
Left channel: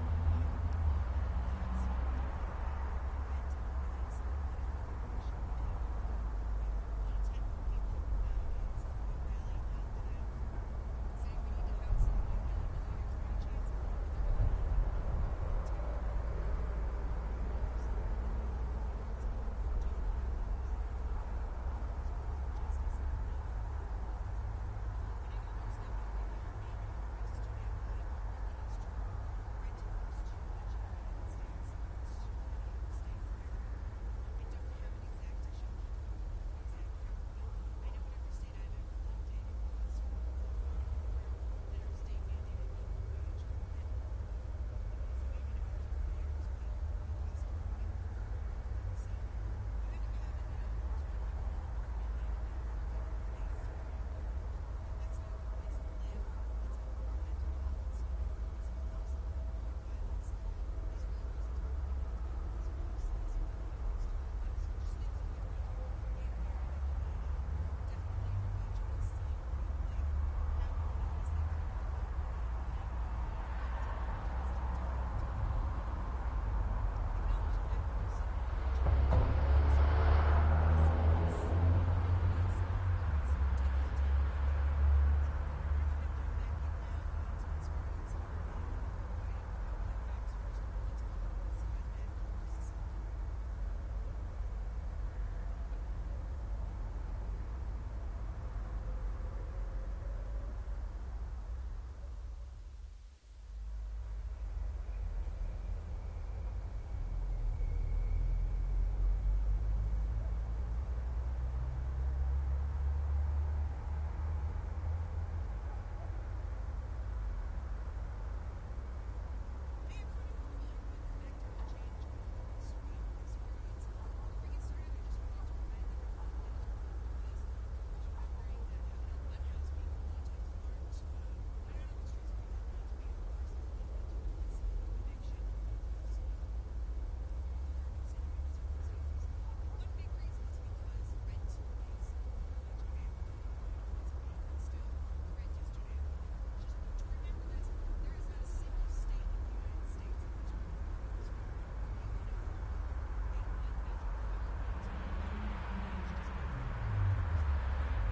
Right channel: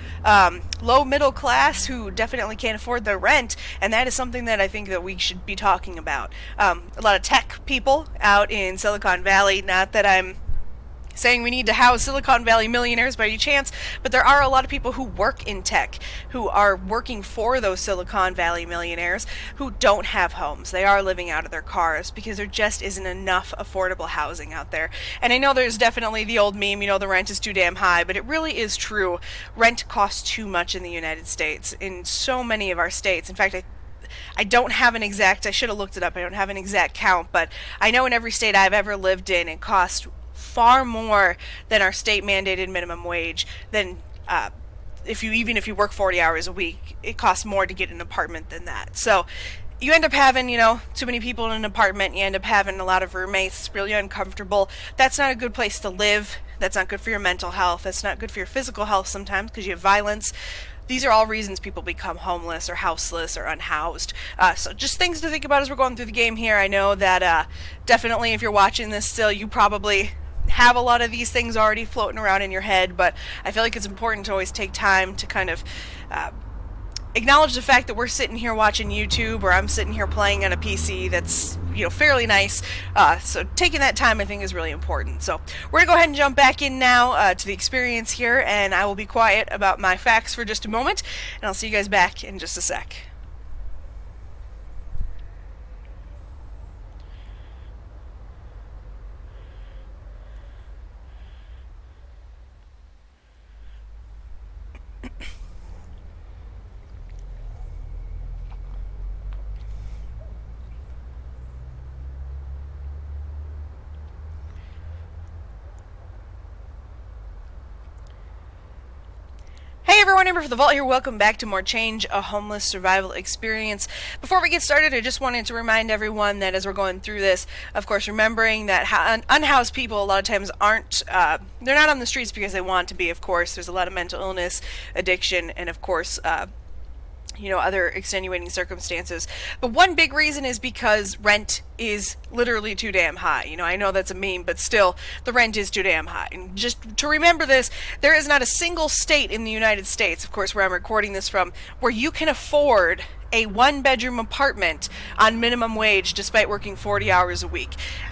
middle class who definitely can't afford their rent, and that is something that I think that we should be talking about. A lot of tech people out in Silicon Valley, not that I'm saying we need to house Silicon Valley millionaires by any chance, but there are a lot of people who work in tech, who are working for those Silicon Valley millionaires, who don't have homes. They are living out of their cars because there just isn't enough affordable housing out there. And I know there's definitely the old meme, the rent is too damn high, but it really is true. Rent costs too much in the United States, in so many of our states. In fact, I don't have an exact, I should have looked it up, I don't have an exact count, but I know in every state I've ever lived in, it costs far more than our state mandated minimum wage. Than if you work 40 hours a week, it costs more to get an apartment than that. So you end up having too many people in an apartment. You end up having a lot of roommates. It's really uncomfortable. That's not a good place to live. That's not good for your mental health. That's not good for your physical health sometimes because you have violence. These are all reasons people become homeless or houseless or unhoused. So just things to think about as we're going through the game here. I know that definitely if you're watching this still, you probably have a lot of these things already floating around in your head, but I feel like it's important to always take time to kind of acknowledge the fact that we're sitting here watching YouTube, or I'm sitting here playing on a PC that's fairly nice. So taking that time I think is really important. So we're gonna go ahead and jump back in now to the experience here, and I will be quiet about my facts for just a moment, and I'll see you guys back in just a sec. Hey everyone, AmberFrmThVault here. Welcome back to more Change a Homeless Survival Experience. Before we get started, I just wanted to remind everyone that as we're going through this, of course, remembering that unhoused people a lot of times aren't, they're not on the streets because they want to be, of course. There's a lot of mental illness, addiction, and of course, other extenuating circumstances. But one big reason is because rent is literally too damn high. I know that's a meme, but still, the rent is too damn high. And just to remember this, there is not a single state in the United States, of course, where I'm recording this from, where you can afford a one-bedroom apartment on minimum wage despite working 40 hours a week.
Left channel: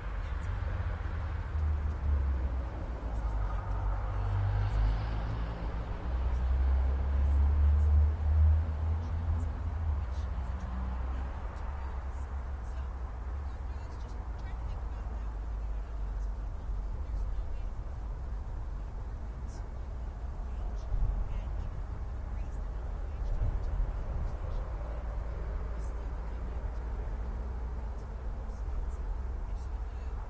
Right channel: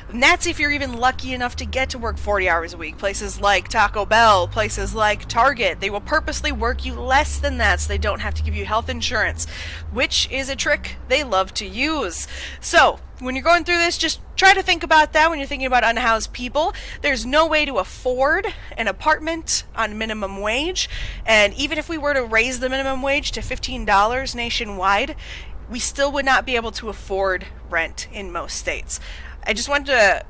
And that's if you're even lucky enough to get to work 40 hours a week. Places like Taco Bell, places like Target, they will purposely work you less than that so they don't have to give you health insurance, which is a trick they love to use. So, when you're going through this, just try to think about that when you're thinking about unhoused people. There's no way to afford an apartment on minimum wage, and even if we were to raise the minimum wage to $15 nationwide, we still would not be able to afford rent in most states. I want to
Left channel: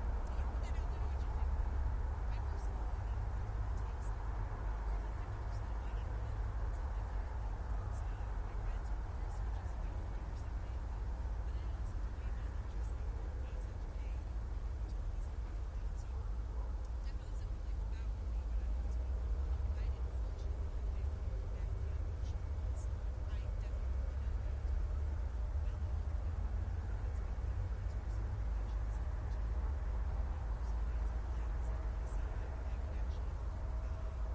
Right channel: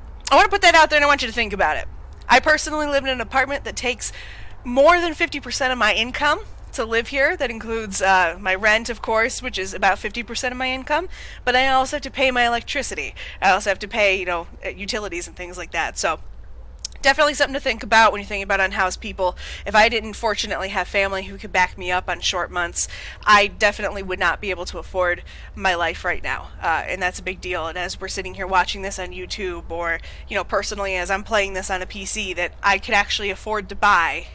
put that out there, and I want you to think about it. I personally live in an apartment that takes more than 50% of my income to live here. That includes my rent, of course, which is about 50% of my income, but I also have to pay my electricity. I also have to pay, utilities and things like that. So definitely something to think about when you're thinking about unhoused people. If I didn't fortunately have family who could back me up on short months, I definitely would not be able to afford my life right now. And that's a big deal. And as we're sitting here watching this on YouTube, or, personally as I'm playing this on a PC that I could actually afford to buy,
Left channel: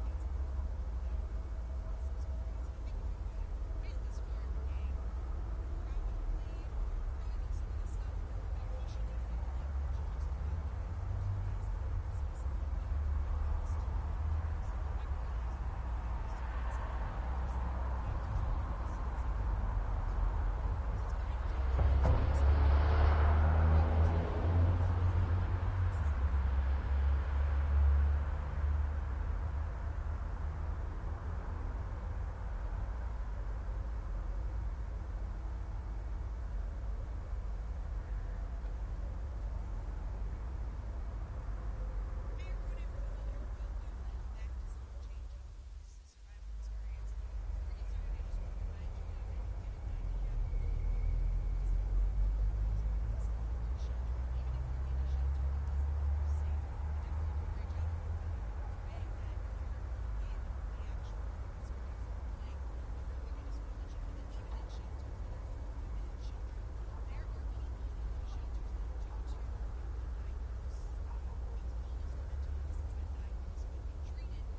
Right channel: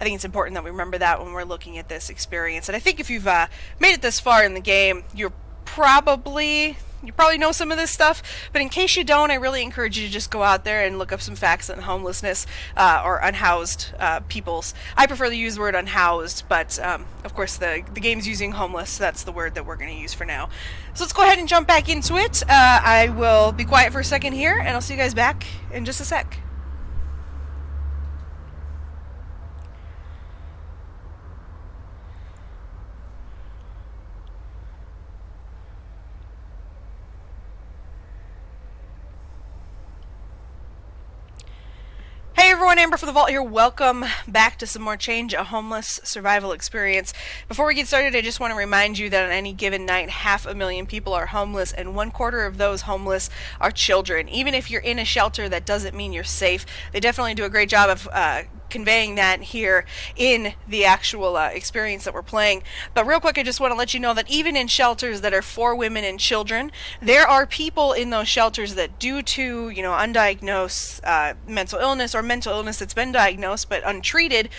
I think it's important that we remember that when we're looking at this experience. And I think if you've made it this far in the game, you probably know some of this stuff, but in case you don't, I really encourage you to just go out there and look up some facts on homelessness or unhoused peoples. I prefer to use the word unhoused, but of course the game's using homeless, so that's the word that we're going to use for now. So let's go ahead and jump back into it. I will be quiet for a second here, and I'll see you guys back in just a sec. Hey everyone, AmberFrmThVault here. Welcome back to some more Change a Homeless Survival Experience. Before we get started, I just want to remind you that on any given night, 500,000 people are homeless, and 1/4 of those homeless are children. Even if you're in a shelter, that doesn't mean you're safe. They definitely do a great job of conveying that here in the actual experience that we're playing. But real quick, I just want to let you know that even in shelters that are for women and children, there are people in those shelters that, due to undiagnosed mental illness, or mental illness that's been diagnosed but untreated,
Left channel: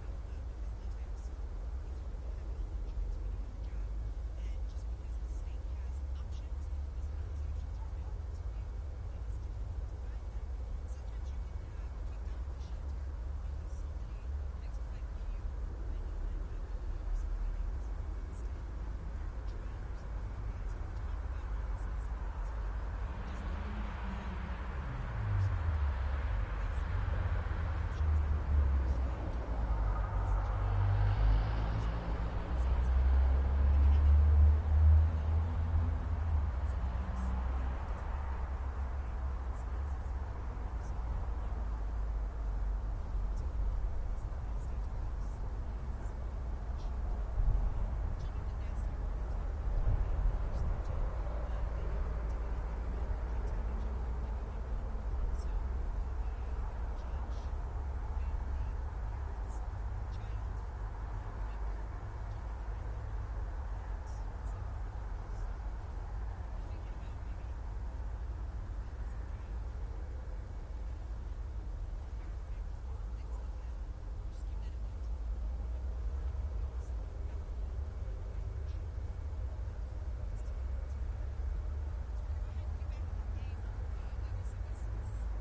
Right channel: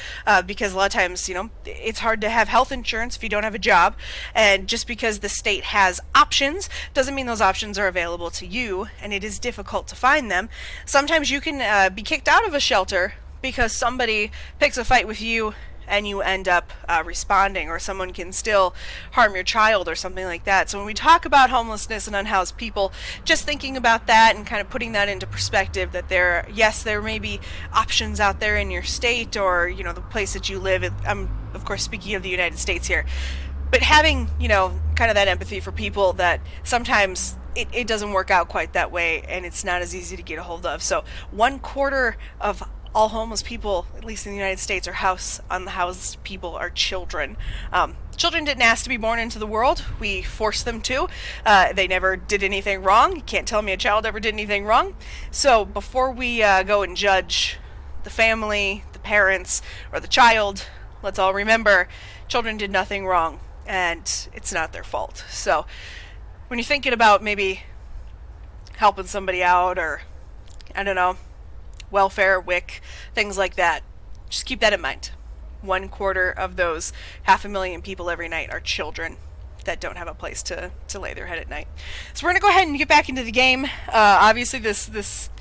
because a lot of times it's hard to have health insurance if you don't have a job, and just because the state has options doesn't mean those options are available to you, and it is difficult to find them. Sometimes you can be kicked out of a shelter because somebody picks a fight with you and you end up responding, or someone can still harm your child or something like that. So when we talk about homelessness and unhoused people, just thinking about that and kind of putting that into perspective, that there may be options out there in your state, or the place that you live. I'm of course speaking of the United States here, but having kind of that empathy for people that sometimes it doesn't work out quite that way, and it's not as easy to get a hold of. So 1/4 of all homeless people, at least in the United States, or unhoused people, are children. Children didn't ask to be born into the world. We forced them to. They never did anything wrong. You can't tell me a child ever did anything wrong. So before we go and judge the family, the parents, or the child, let's all remember children did nothing wrong, and it's not their fault. So when you're thinking about maybe helping somebody out, or I don't know, welfare, WIC, things like that, just keep that in mind. 1/4 of those 500,000 people every night are children that don't have a place to lay their head at night. So we're going to go ahead and get back into the game. Obviously this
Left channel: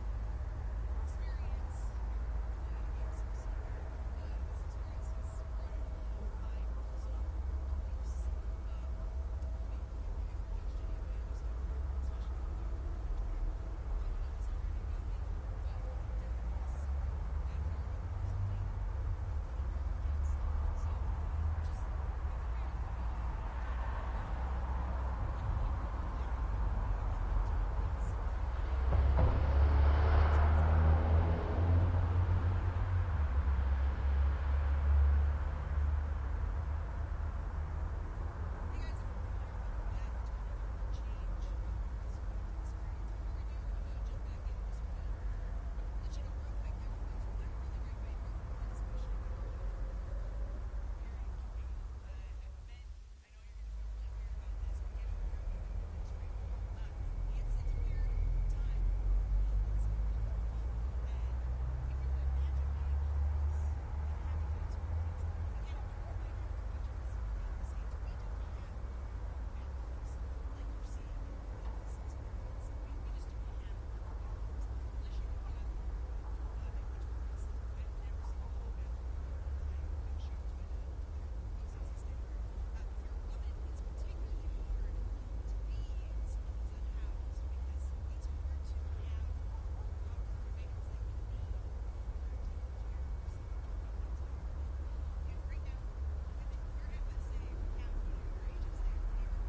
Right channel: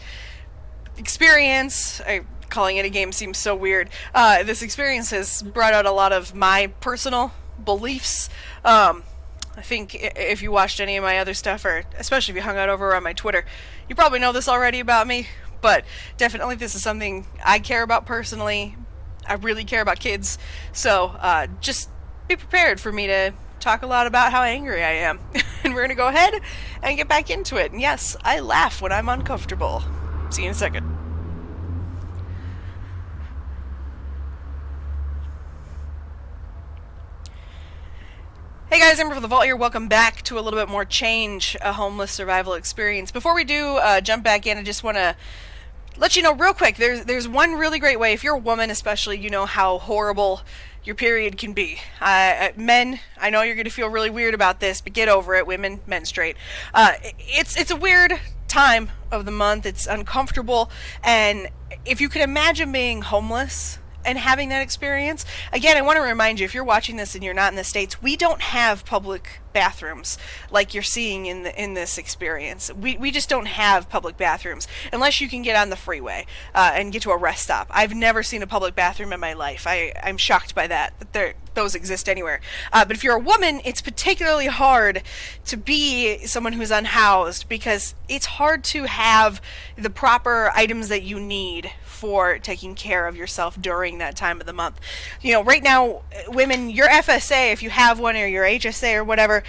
experience, calling it a game seems so weird. This experience has brought out a lot of my personal beliefs. I think if you watched any of my other stuff, or especially if you hung out over on my Twitter, you probably know this already about me. But definitely this is something I care about personally. I really care about kids. So just be prepared for me to talk a lot about how angry I am. And we're going to go ahead and get back into it. And yes, I laugh when I'm uncomfortable. See you in a second. Hey guys, AmberFrmThVault here. Welcome back to a little bit more Change a Homeless Survival Experience. Before we do jump back in, I just want to let you know real quick, there's one really great way. If you're a woman especially, you know how horrible your period can be. Men, I know you're going to feel really weird about this, but get over it. Women, menstruate. It's a weird time of the month. It's uncomfortable, and if you can imagine being homeless and having that experience. Again, I want to remind you, if you're watching this and you're not in the States, we don't have public bathrooms like you're seeing in this experience. We just don't have public bathrooms unless you can get on the freeway and get to a rest stop. I've never seen a public bathroom in my life. I'm shocked by that those exist anywhere. But if you're a woman, it's particularly hard to be someone who's unhoused, because it's hard to have the proper items that you need for taking care of yourself during that time of the month. You know, right now, women, your FSA, if you have one, or your HSA or whatever,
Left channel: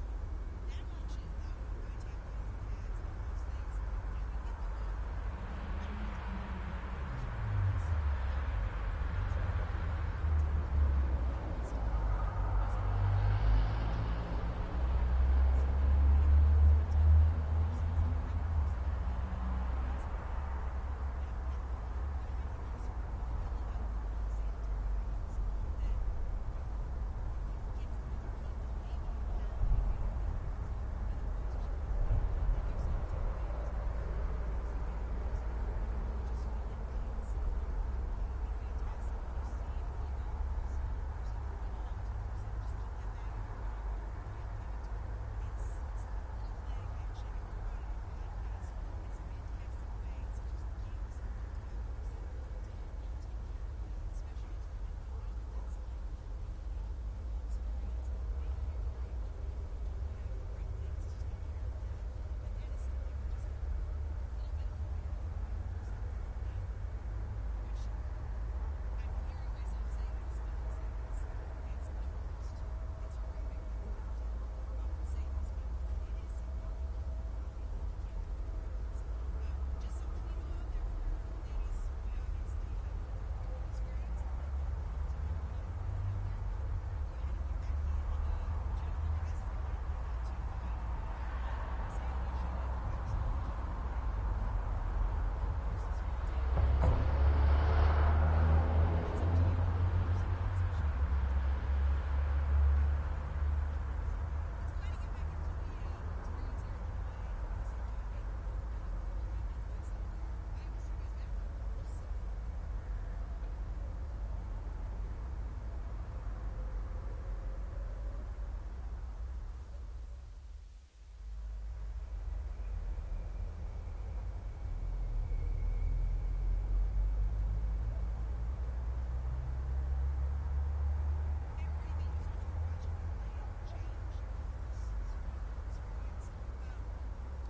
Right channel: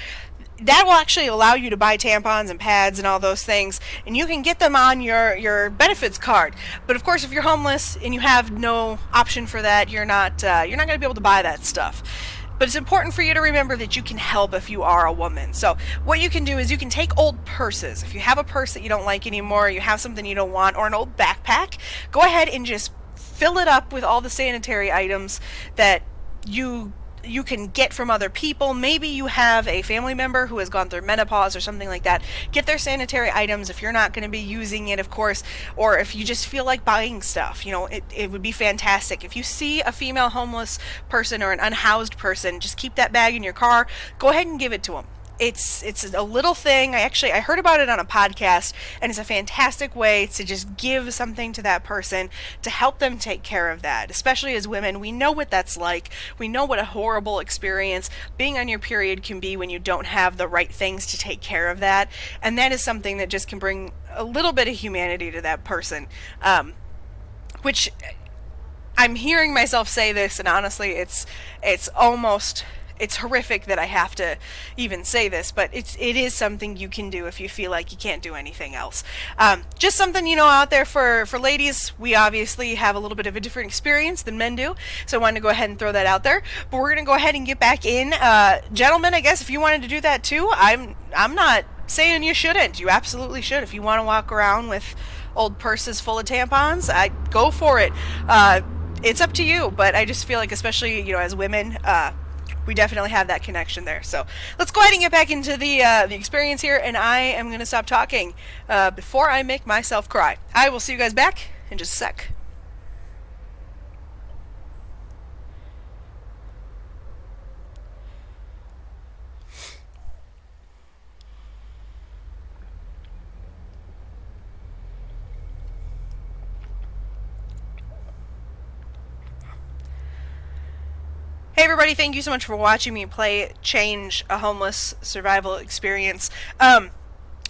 that will actually allow you to buy tampons and pads and all those things, and you can get them on your benefits card. But of course, if you're homeless and you have no option for that, you're not going to be able to buy that stuff. But it's important for you to remember that you can help if you are a woman. So what you can do is you can take old purses. If you have a purse that you don't like anymore, you have something you don't want, or an old backpack, go ahead and just fill it up with all the sanitary items that you can get from other people. Maybe you have a family member who has gone through menopause or something like that. Get their sanitary items if you're not going to be using it, of course, or if you just feel like buying stuff. You know, it would be fantastic. If you see a female homeless person or an unhoused person, just keep that bag in your car. Go ahead and give it to them. It's a little thing. I heard about it on a podcast, and it's a fantastic way to just give something to that person to help them take care of that. Especially as women, we know what that's like. We know what a horrible experience being on your period can be when you don't have the right things to take care of that. And that is something that just can bring a little bit of humanity to that person. Which I'm hearing myself say this, and honestly, it's horrific that I have to even say this, but it is something you can do if you feel like you can't do anything else. Just something, out there for ladies. We obviously have a little bit of a different experience than men do, so I wanted to go ahead and throw that out there. But we're going to go ahead and get back in. Gentlemen, I guess if you wanted to do that too, I'm not saying you shouldn't. You absolutely should. If you want to walk around with old purses full of tampons, go for it. It's up to you, but I just feel like, especially, as women, we definitely have that connection there. So let's go ahead and get back into the experience here, and I am going to stop talking before I make myself cry. I will see you guys back in just a sec. Hey everybody, thank you so much for watching me play Change, a homeless survival experience.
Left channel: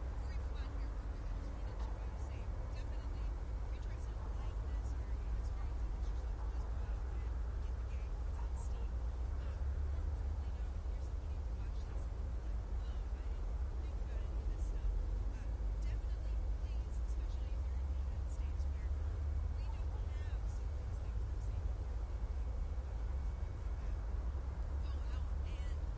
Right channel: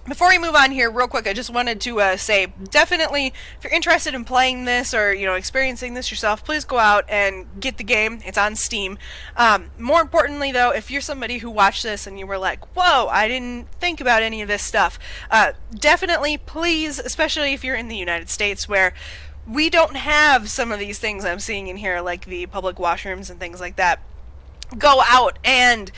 Before we move on here, real quick, I just wanted to say, definitely, if you're interested in playing this or, experiencing this yourself, please go out and get the game. It's on Steam. More importantly, though, if you're somebody who watched this and you were like, whoa, I didn't think about any of this stuff, definitely, please, especially if you're in the United States, where we don't have some of these things I'm seeing in here, like the public washrooms and things like that. Go out and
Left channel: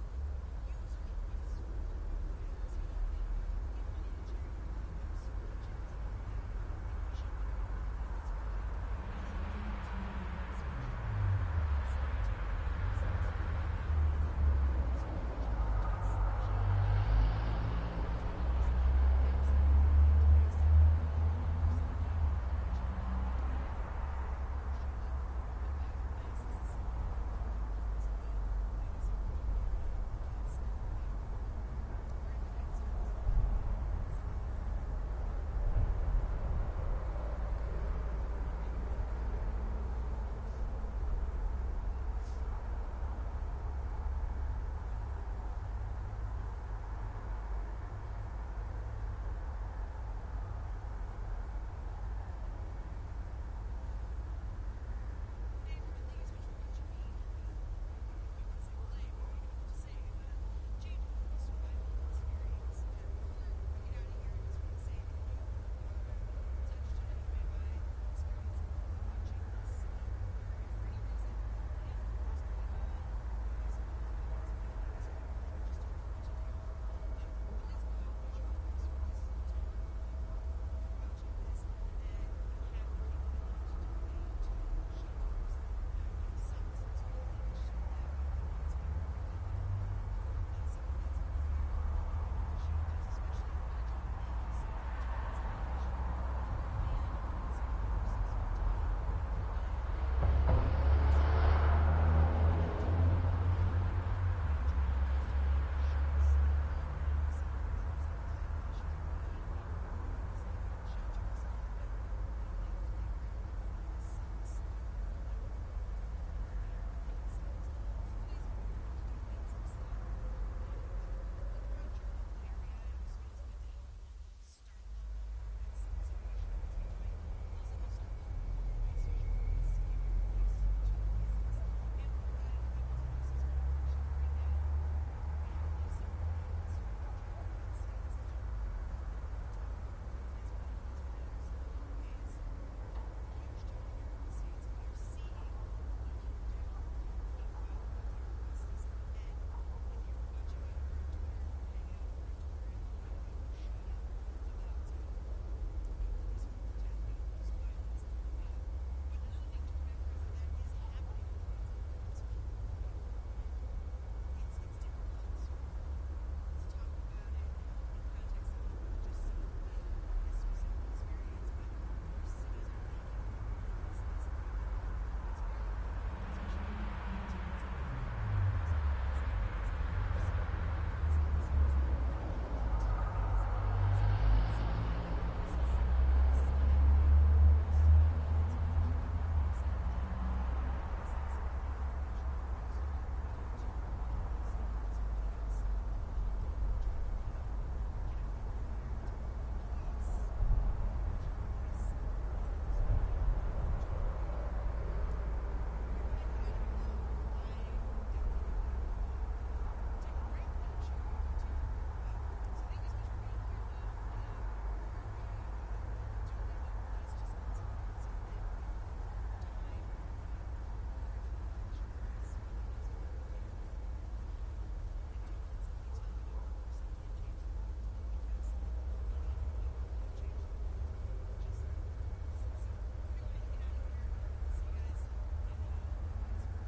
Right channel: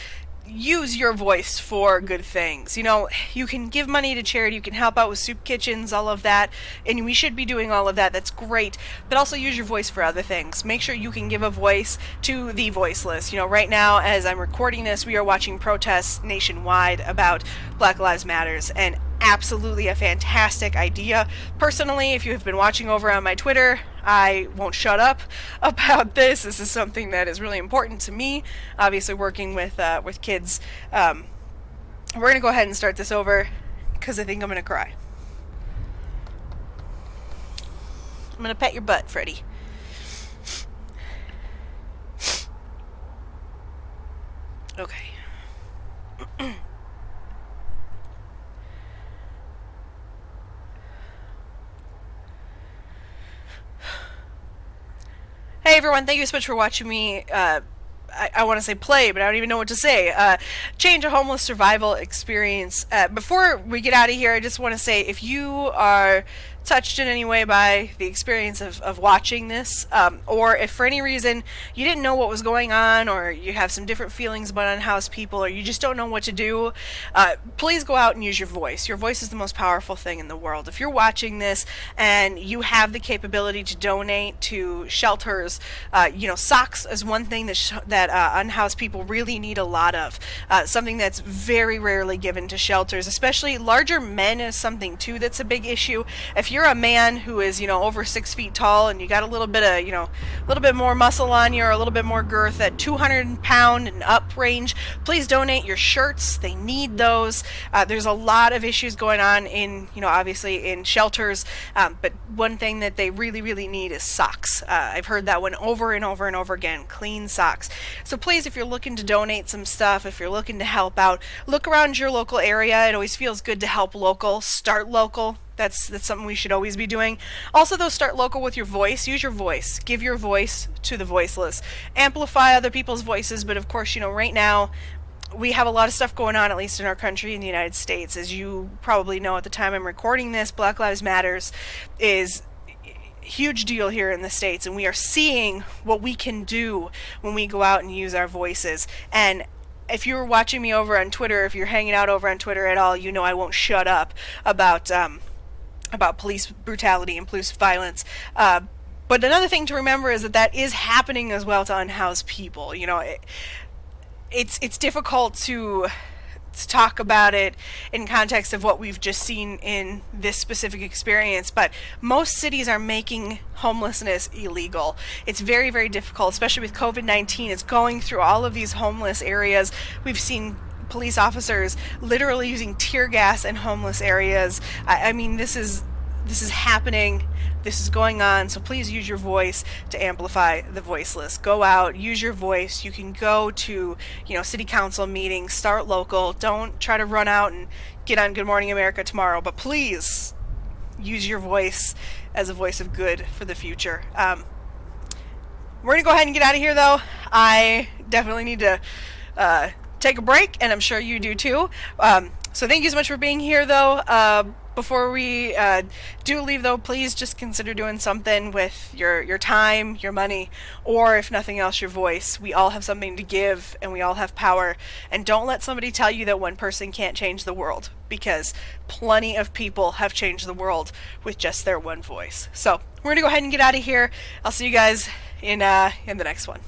use your voice for good things. You can give money to charity, you can help out with soup kitchens, all of that, and we should be doing all of that. That's great. But also use your voice for other things. Make sure you can give a voice to the voiceless. Right now, as I'm recording this, we are watching protests nationwide about Black Lives Matters, and absolutely a fantastic idea. Personally, if you have been watching over on my Twitter, I won't shut up about this. This is something that is really important to me. Obviously, working with kids. We're going to go ahead and start this over because I think I'm going to cry. I'm going to pet your butt, Freddy. Okay. Hey everyone, thank you so much for watching me, I want to say play, but I don't even know what to say, Change, a homeless survival experience. Before we get out of here, I just want to say, if you are touched in any way by the experience of watching this, or if for any reason you didn't know what was going on, or you have some different feelings about unhoused people, or you just don't know what to do, please go out and use your voice. Your voice is the most powerful thing in the world. If you're watching this and you have the capability to donate to shelters, socks is one thing that unhoused people really need a lot of. Something that's very rarely given to shelters, especially larger men, is something too that's a big issue. If if you're a man who is, over 6 feet tall and you got a little bit of, a little bit more muscle on you or a little bit more girth at 200 pound and up range, please donate your shirts. They need those. There's a lot of issues going on in, obviously in shelters, but one thing that they really, really need is socks. I've heard that one over and over and over again, clean socks. So please, if you're looking to donate some stuff, if you're looking to help out, look around your local area. It always feels good to help local, start local. That's something we should always be doing. Also, though, start local with your voice. Use your voice. Give your voice to the voiceless. Amplify other people's voices, but of course, right now, we have a lot of stuff going on, at least in our country, in the United States. As you probably know at the time I'm recording this, Black Lives Matters is a huge deal here in the States, and we are seeing what we can do when we go out and use our voices. And if you're watching me over on Twitter, if you're hanging out over on Twitter at all, I won't shut up about police brutality and police violence. But another thing to remember is that is happening as well to unhoused people. It's difficult to talk about it in context of what we've just seen in this specific experience, but most cities are making homelessness illegal. It's very, very difficult, especially with COVID-19. It's going through all of these homeless areas. We've seen police officers literally using tear gas in homeless areas. I mean, this is happening. This is going on, so please use your voice to amplify the voiceless. Go out, use your voice. You can go to, city council meetings, start local. Don't try to run out and get on Good Morning America tomorrow, but please use your voice as a voice of good for the future. We're gonna go ahead and get out of here, though. I definitely need to take a break, and I'm sure you do too. So thank you so much for being here, though. Before we do leave, though, please just consider doing something with your time, your money, or if nothing else, your voice. We all have something to give, and we all have power. And don't let somebody tell you that one person can't change the world, because plenty of people have changed the world with just their one voice. So we're gonna go ahead and get out of here. I'll see you guys in the next one.